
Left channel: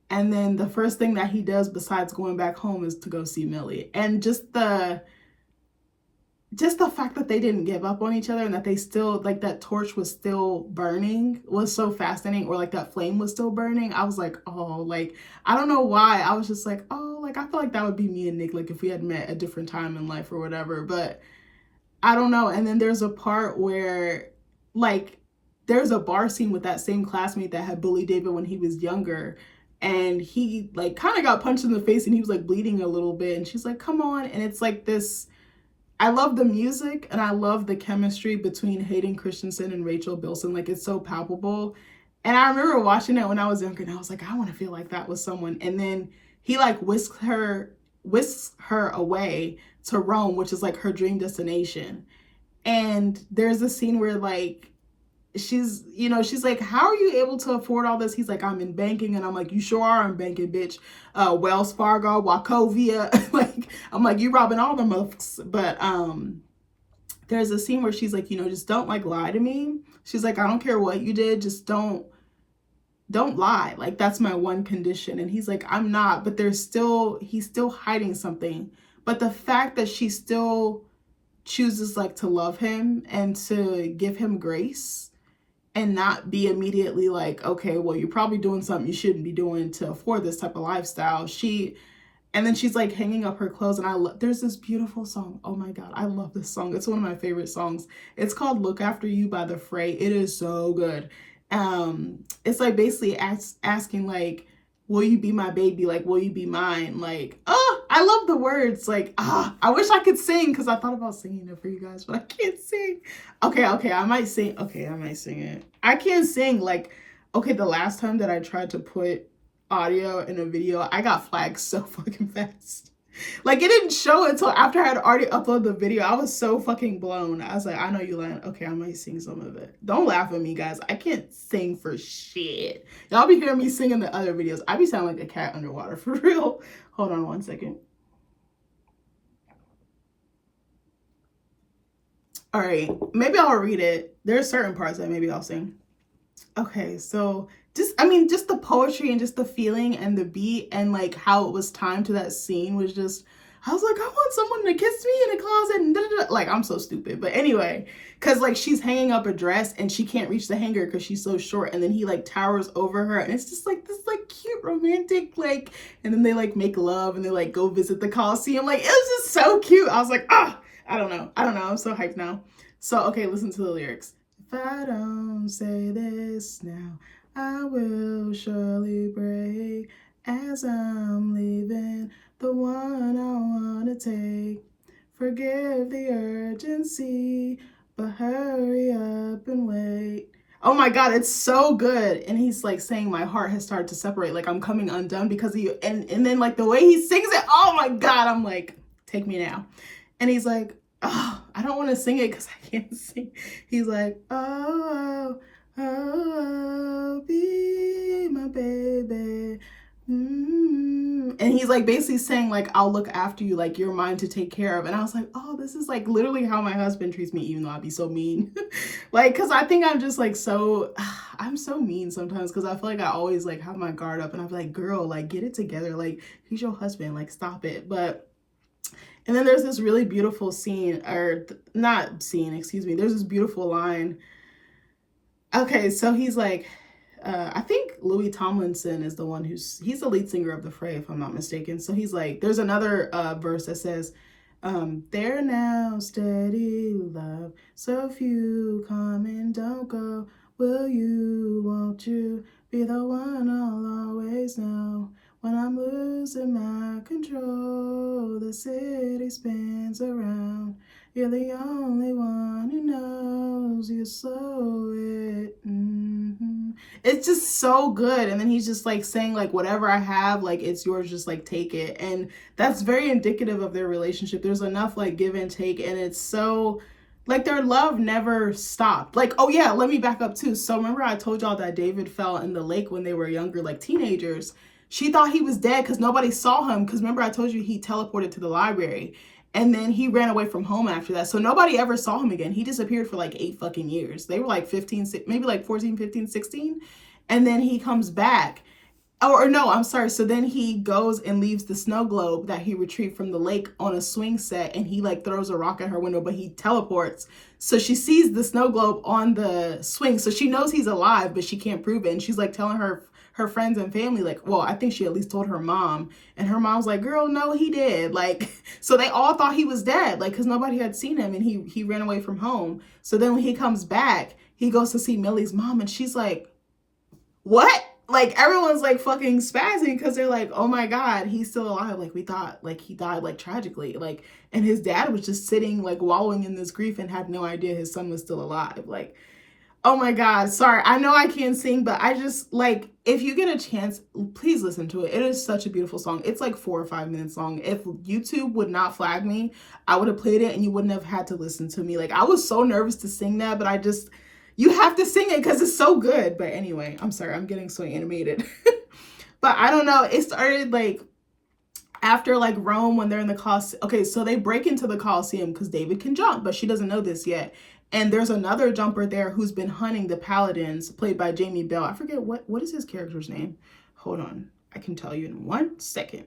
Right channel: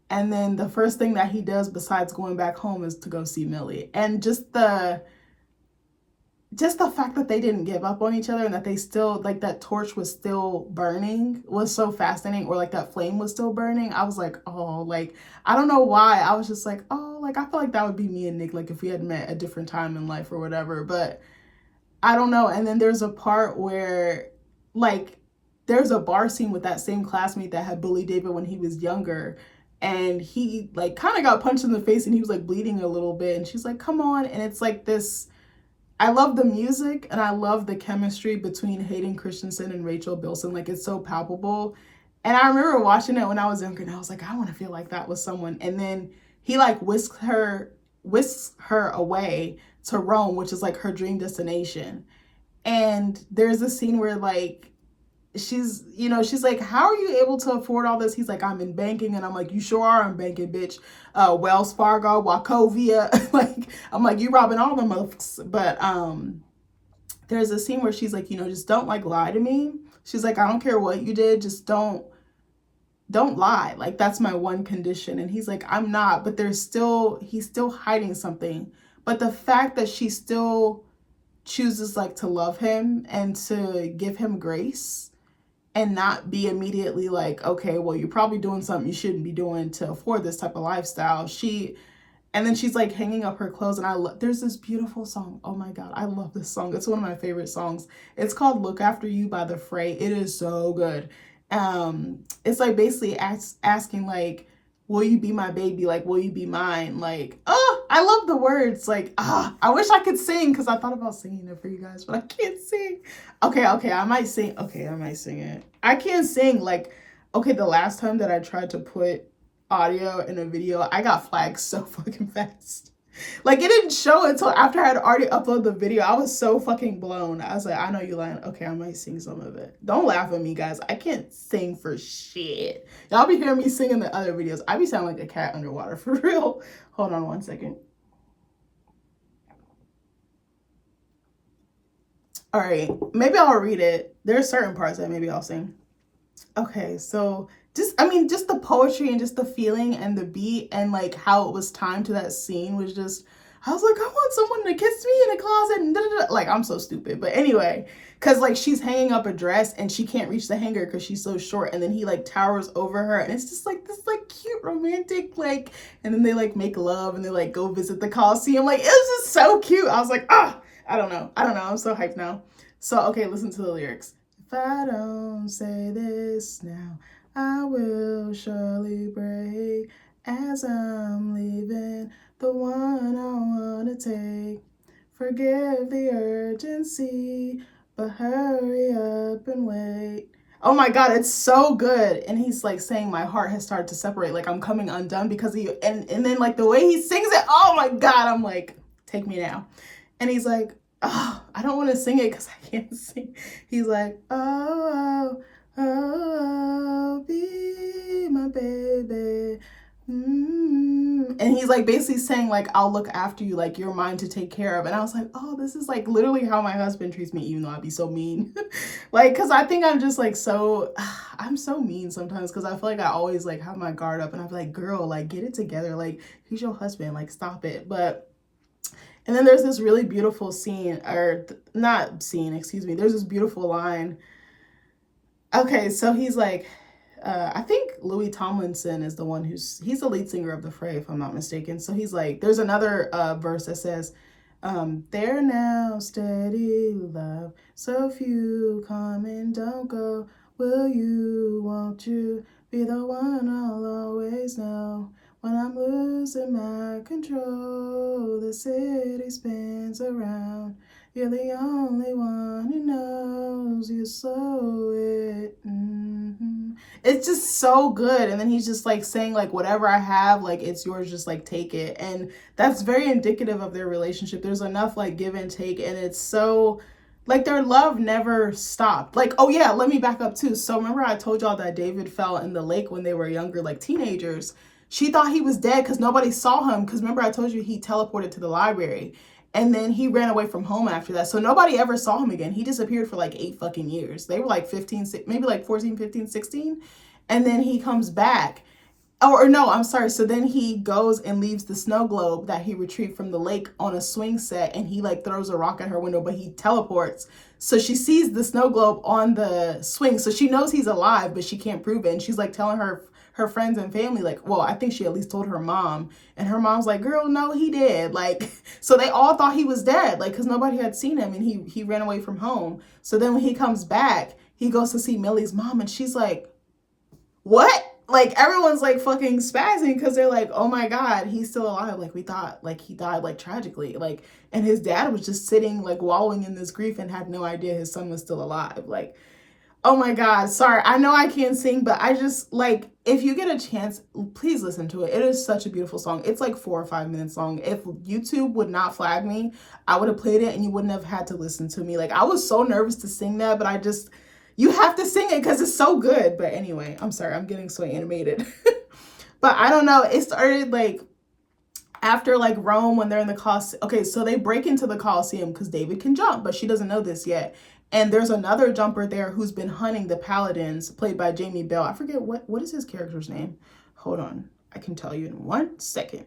And then the first thing that he does besides going back home is to go see Millie. And just just the fact that they didn't give up on each other and that they still, like, that torch was still burning was so fascinating, or like that flame was still burning. I was like, oh, like, I don't know why. I was just like, oh, like, I feel like that would be me and Nick, like, if we had met a different time in life or whatever. But I don't know. And then there's a part where, like, there's a bar scene with that same classmate that had bullied David when he was younger. And he, like, kind of got punched in the face and he was, like, bleeding a little bit. And she's like, come on. And it's like this. I love the music and I love the chemistry between Hayden Christensen and Rachel Bilson. Like, it's so palpable. And I remember watching it when I was younger and I was like, I want to feel like that with someone. And then he, like, whisks her away to Rome, which is like her dream destination. And there's a scene where, like, she's like, how are you able to afford all this? He's like, I'm in banking. And I'm like, you sure are in banking, bitch. Wells Fargo, Wachovia. Like, I'm like, you robbing all the motherfuckers. But there's a scene where she's like, just don't, like, lie to me. She's like, I don't care what you did, just don't lie. Like, that's my one condition. And he's like, I'm not. But he's still hiding something. But the fact that she still chooses, like, to love him and to give him grace and not be immediately like, okay, well, you're probably doing something you shouldn't be doing to afford this type of lifestyle. And then she's, like, hanging up her clothes, and there's this beautiful song. Oh my God, I love this song. It's one of my favorite songs. It's called Look After You by The Fray. It is so good. It's like basically asking, like, will you be my baby? Like, will you be mine? Like, oh, I love the words. Like, I wish I could sing, because I thought about singing it for you guys, but I can't sing. Okay, I might sing. Okay, I might sing it. I can't sing. Like, okay, the last time that I tried to put audio in a video, I got flagged so fucking fast. Like, it didn't show until after I had already uploaded the video. I was so fucking blown. I was like, I know you lying. Okay, I might sing some of it. Don't laugh at me, guys. I can't sing for shit. Y'all be hearing me sing in the other videos. I be sounding like a cat underwater, for real. Hold on one second. All right, maybe I'll read it. There's certain parts that maybe I'll sing. Okay, so just the poetry and just the feeling and the beat and, like, how it was timed to that scene was just, I was like, I want someone to kiss me in a closet and da-da-da. Like, I'm so stupid. But anyway, because, like, she's hanging up a dress and she can't reach the hanger because she's so short, and then he, like, towers over her, and it's just like this, like, cute romantic, like, and then they, like, make love and they, like, go visit the Coliseum. Like, it was just so cute. I was like, I don't know. I'm so hyped now. So, okay, listen to the lyrics. If I don't say this now, I will surely break as I'm leaving the one I want to take. Forgive the urgency, but hurry up and wait. Oh my God, it's so good. And he's, like, saying my heart has started to separate, like, I'm coming undone because of you. And then, like, the way he sings it, oh my God, I'm like, take me now. And he's like, oh, I don't want to sing it because I can't sing. He's like, oh, be my baby. And he's, like, basically saying, like, I'll look after you, like, you're mine to take care of. And I was like, oh, this is, like, literally how my husband treats me, even though I'd be so mean. Like, because I think I'm just, like, I'm so mean sometimes, because I feel like I always, like, have my guard up, and I'm like, girl, like, get it together. Like, he's your husband. Like, stop it. And then there's this really beautiful scene, or not scene, excuse me. There's this beautiful line. Okay, so he's like, I think Louis Tomlinson is the one he's the lead singer of The Fray, if I'm not mistaken. So he's like, there's another verse that says, there now, steady love, so few come and don't go. Will you, won't you, be the one I'll always know? When I'm losing my control, the city spins around. You're the only one who knows you slow it. It's just so good. And then he's just, like, saying, like, whatever I have, like, it's yours, just, like, take it. And that's very indicative of their relationship. There's enough, like, give and take, and it's so, like, their love never stopped. Like, oh yeah, let me back up too. So remember I told y'all that David fell in the lake when they were younger, like teenagers. She thought he was dead because nobody saw him, because remember I told you he teleported to the library. And then he ran away from home after that. So nobody ever saw him again. He disappeared for, like, 8 fucking years. They were, like, 15, maybe, like, 14, 15, 16. And then he comes back. or no, I'm sorry. So then he goes and leaves the snow globe that he retrieved from the lake on a swing set, and he like throws a rock at her window, but he teleports. So she sees the snow globe on the swing. So she knows he's alive, but she can't prove it. And she's like telling her friends and family, like, well, I think she at least told her mom. And her mom's like, girl, no, he did. Like, so they all thought he was dead, like, because nobody had seen him, and he ran away from home. So then when he comes back, he goes to see Millie's mom, and she's like, what? Like, everyone's like fucking spazzing because they're like, oh my God, he's still alive. Like, we thought like he died like tragically. Like, and his dad was just sitting like wallowing in this grief and had no idea his son was still alive. Like, oh my God, sorry. I know I can't sing, but I just like, if you get a chance, please listen to it. It is such a beautiful song. It's like 4 or 5 minutes long. If YouTube would not flag me, I would have played it and you wouldn't have had to listen to me. Like, I was so nervous to sing that, but you have to sing it because it's so good. But anyway, I'm sorry, I'm getting so animated. But I don't know, it started like after like Rome when they're in the Colosseum. Okay, so they break into the Colosseum because David can jump, but she doesn't know this yet. And there's another jumper there who's been hunting the paladins, played by Jamie Bell. I forget what is his character's name. Hold on, I can tell you in 1 second.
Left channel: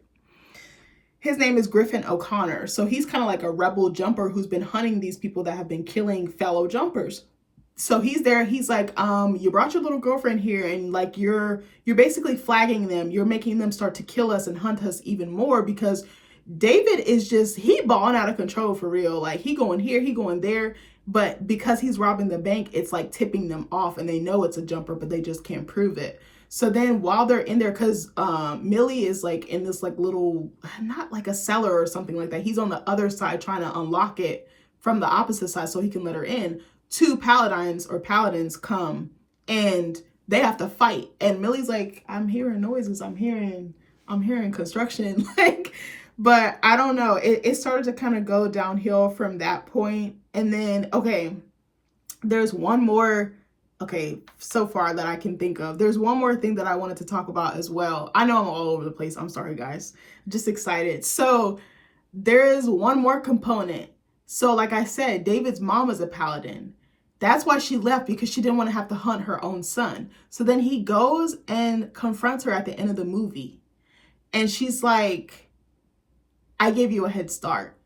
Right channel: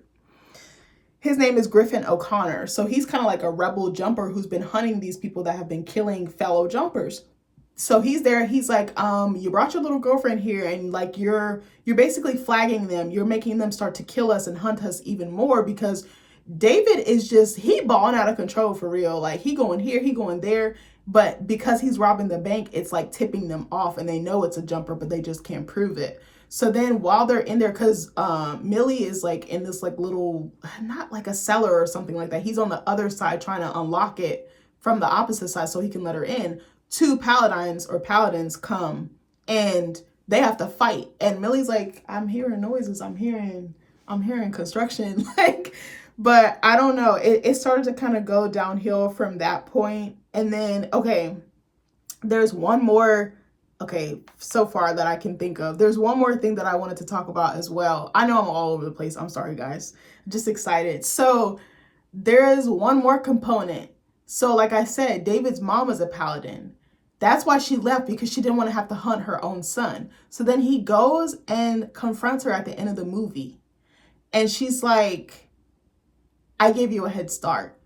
His name is Griffin O'Connor. So he's kind of like a rebel jumper who's been hunting these people that have been killing fellow jumpers. So he's there. He's like, you brought your little girlfriend here, and like you're basically flagging them. You're making them start to kill us and hunt us even more because David is just, he balling out of control for real. Like, he going here, he going there. But because he's robbing the bank, it's like tipping them off, and they know it's a jumper, but they just can't prove it. So then while they're in there, because Millie is like in this like little, not like a cellar or something like that. He's on the other side trying to unlock it from the opposite side so he can let her in. 2 paladins come and they have to fight. And Millie's like, I'm hearing noises. I'm hearing construction. Like, but I don't know. It started to kind of go downhill from that point. And then, okay, there's one more, okay, so far that I can think of. There's one more thing that I wanted to talk about as well. I know I'm all over the place. I'm sorry, guys. Just excited. So there is one more component. So like I said, David's mom is a paladin. That's why she left, because she didn't want to have to hunt her own son. So then he goes and confronts her at the end of the movie. And she's like, I gave you a head start.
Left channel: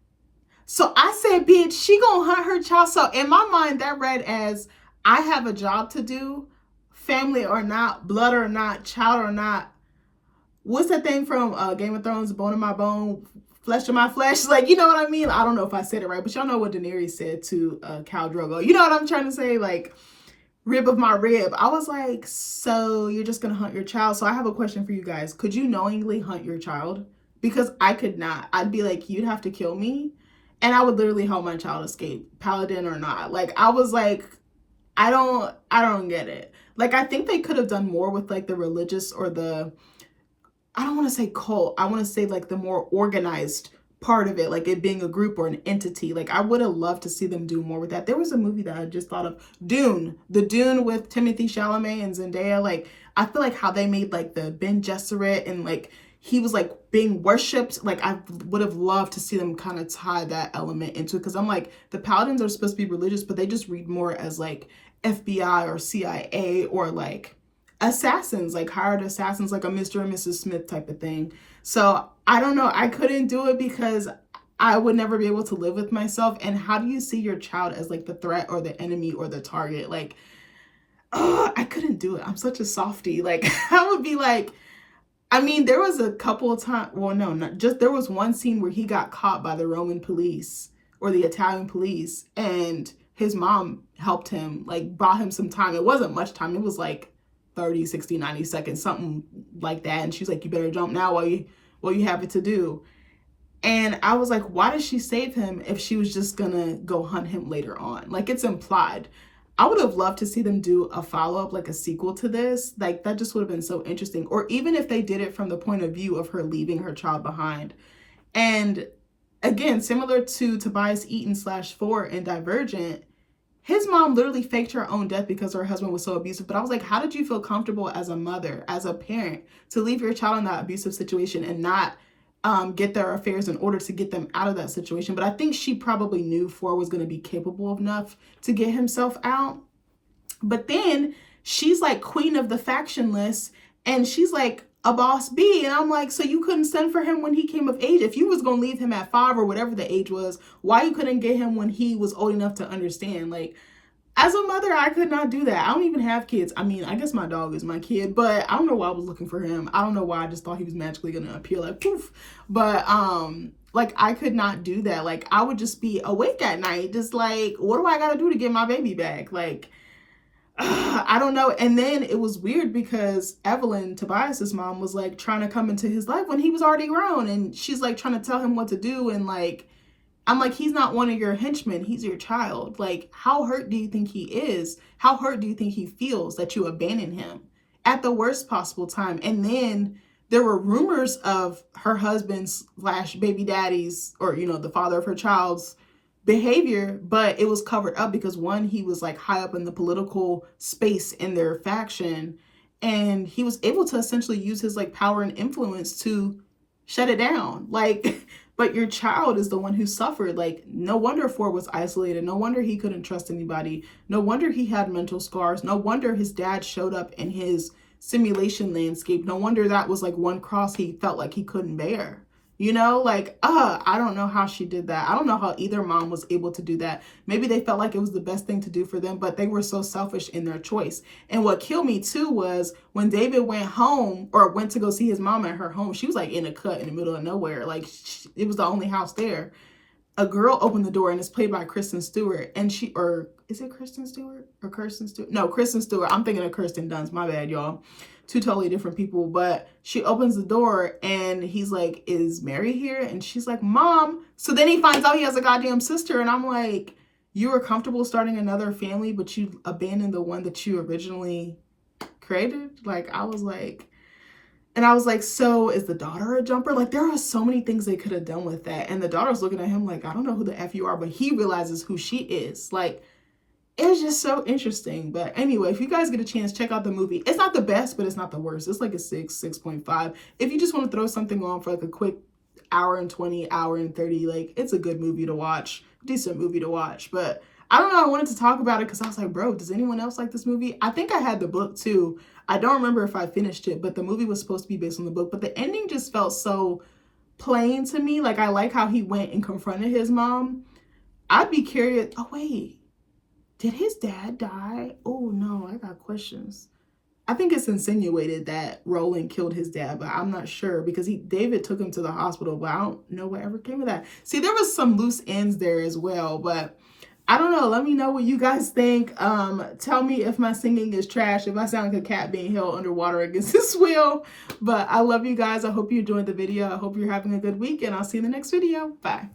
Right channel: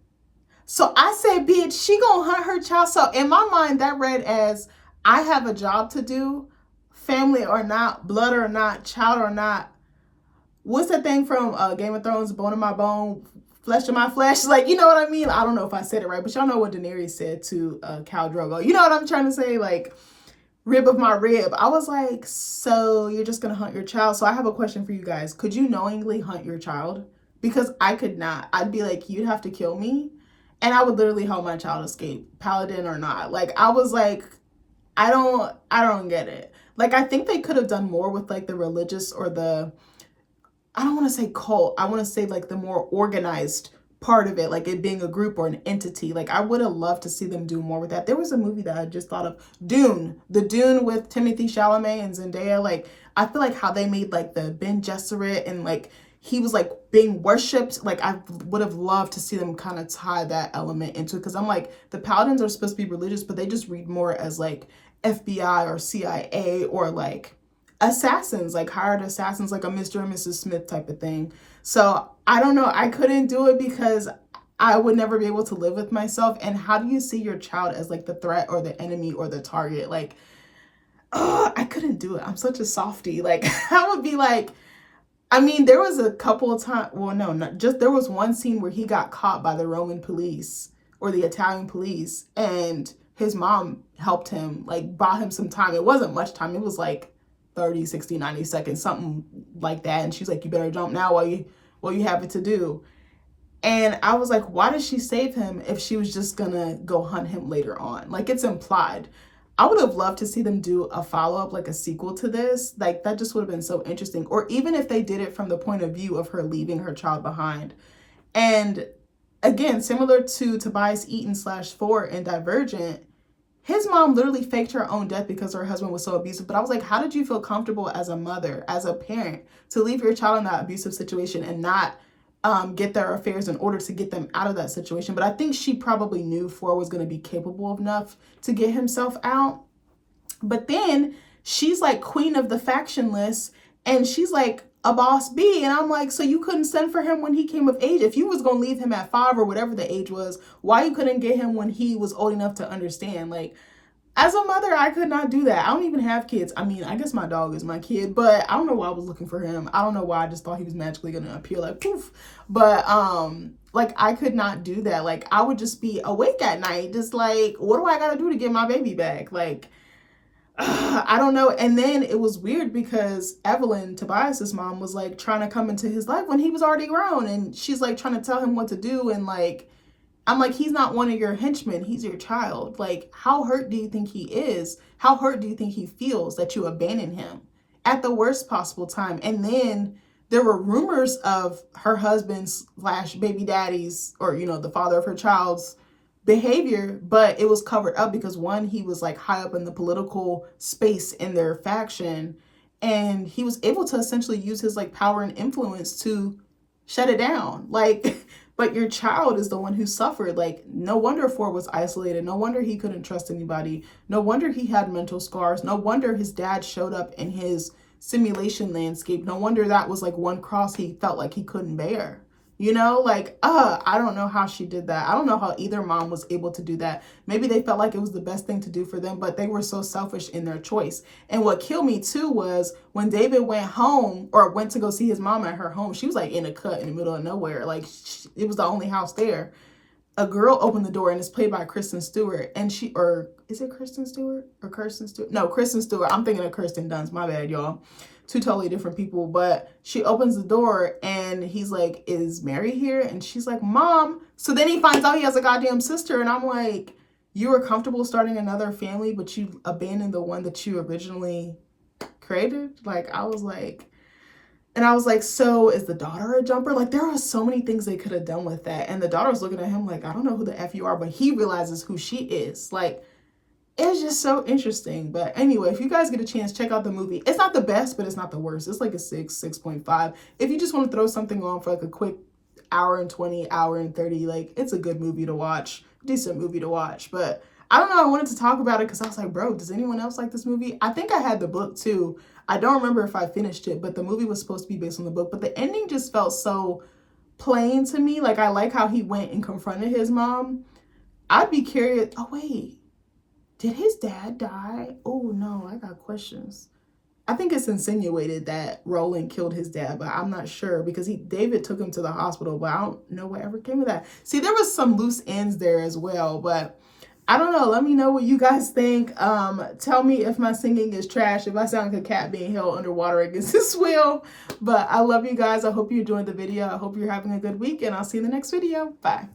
So I said, bitch, she gonna hunt her child. So in my mind, that read as, I have a job to do, family or not, blood or not, child or not. What's that thing from Game of Thrones, bone of my bone, flesh of my flesh? Like, you know what I mean? I don't know if I said it right, but y'all know what Daenerys said to Khal Drogo. You know what I'm trying to say? Like, rib of my rib. I was like, so you're just gonna hunt your child? So I have a question for you guys. Could you knowingly hunt your child? Because I could not. I'd be like, you'd have to kill me, and I would literally help my child escape, paladin or not. Like, I was like, I don't get it. Like, I think they could have done more with like the religious or the, I don't want to say cult, I want to say like the more organized part of it, like it being a group or an entity. Like, I would have loved to see them do more with that. There was a movie that I just thought of, Dune, the Dune with Timothée Chalamet and Zendaya. Like, I feel like how they made like the Ben Gesserit and like he was like being worshipped. Like, I would have loved to see them kind of tie that element into it, because I'm like, the paladins are supposed to be religious, but they just read more as like FBI or CIA or like assassins, like hired assassins, like a Mr. and Mrs. Smith type of thing. So I don't know. I couldn't do it because I would never be able to live with myself. And how do you see your child as like the threat or the enemy or the target? Like, I couldn't do it. I'm such a softie. Like, I would be like, I mean, there was a couple of times, well, no, not just, there was one scene where he got caught by the Roman police or the Italian police, and his mom helped him, like bought him some time. It wasn't much time. It was like 30, 60, 90 seconds, something like that. And she's like, you better jump now while you have it to do. And I was like, why did she save him if she was just gonna go hunt him later on? Like, it's implied. I would have loved to see them do a follow-up, like a sequel to this. Like, that just would have been so interesting. Or even if they did it from the point of view of her leaving her child behind. And again, similar to Tobias Eaton /4 in Divergent, his mom literally faked her own death because her husband was so abusive. But I was like, how did you feel comfortable as a mother, as a parent, to leave your child in that abusive situation and not get their affairs in order to get them out of that situation? But I think she probably knew Ford was going to be capable enough to get himself out. But then she's like queen of the faction list, and she's like, a boss be? And I'm like, so you couldn't send for him when he came of age? If you was going to leave him at 5 or whatever the age was, why you couldn't get him when he was old enough to understand? Like, as a mother, I could not do that. I don't even have kids. I mean, I guess my dog is my kid, but I don't know why I was looking for him. I don't know why I just thought he was magically going to appear like poof. But, like, I could not do that. Like, I would just be awake at night, just like, what do I got to do to get my baby back? Like, I don't know. And then it was weird because Evelyn, Tobias's mom, was like trying to come into his life when he was already grown. And she's like trying to tell him what to do. And like, I'm like, he's not one of your henchmen. He's your child. Like, how hurt do you think he is? How hurt do you think he feels that you abandoned him at the worst possible time? And then there were rumors of her husband's / baby daddy's, or, you know, the father of her child's behavior, but it was covered up because one, he was like high up in the political space in their faction, and he was able to essentially use his like power and influence to shut it down. Like, but your child is the one who suffered. Like, no wonder Ford was isolated. No wonder he couldn't trust anybody. No wonder he had mental scars. No wonder his dad showed up in his simulation landscape. No wonder that was like one cross he felt like he couldn't bear. You know, like, I don't know how she did that. I don't know how either mom was able to do that. Maybe they felt like it was the best thing to do for them, but they were so selfish in their choice. And what killed me too was when David went home, or went to go see his mom at her home, she was like in a cut in the middle of nowhere. Like, it was the only house there. A girl opened the door, and it's played by Kristen Stewart. And she, or is it Kristen Stewart or Kirsten Stewart? No, Kristen Stewart. I'm thinking of Kirsten Dunst. My bad, y'all. Two totally different people. But she opens the door, and he's like, is Mary here? And she's like, Mom. So then he finds out he has a goddamn sister. And I'm like, you were comfortable starting another family, but you abandoned the one that you originally created? Like, I was like, and I was like, so is the daughter a jumper? Like, there are so many things they could have done with that. And the daughter's looking at him like, I don't know who the F you are, but he realizes who she is. Like, it's just so interesting. But anyway, if you guys get a chance, check out the movie. It's not the best, but it's not the worst. It's like a 6.5. If you just want to throw something on for like a quick hour and 20, hour and 30, like, it's a good movie to watch. Decent movie to watch. But I don't know. I wanted to talk about it because I was like, bro, does anyone else like this movie? I think I had the book too. I don't remember if I finished it, but the movie was supposed to be based on the book. But the ending just felt so plain to me. Like, I like how he went and confronted his mom. I'd be curious. Oh, wait. Did his dad die? Oh, no. I got questions. I think it's insinuated that Roland killed his dad, but I'm not sure because David took him to the hospital, but I don't know what ever came of that. See, there was some loose ends there as well, but I don't know. Let me know what you guys think. Tell me if my singing is trash, if I sound like a cat being held underwater against its will. But I love you guys. I hope you enjoyed the video. I hope you're having a good week, and I'll see you in the next video. Bye.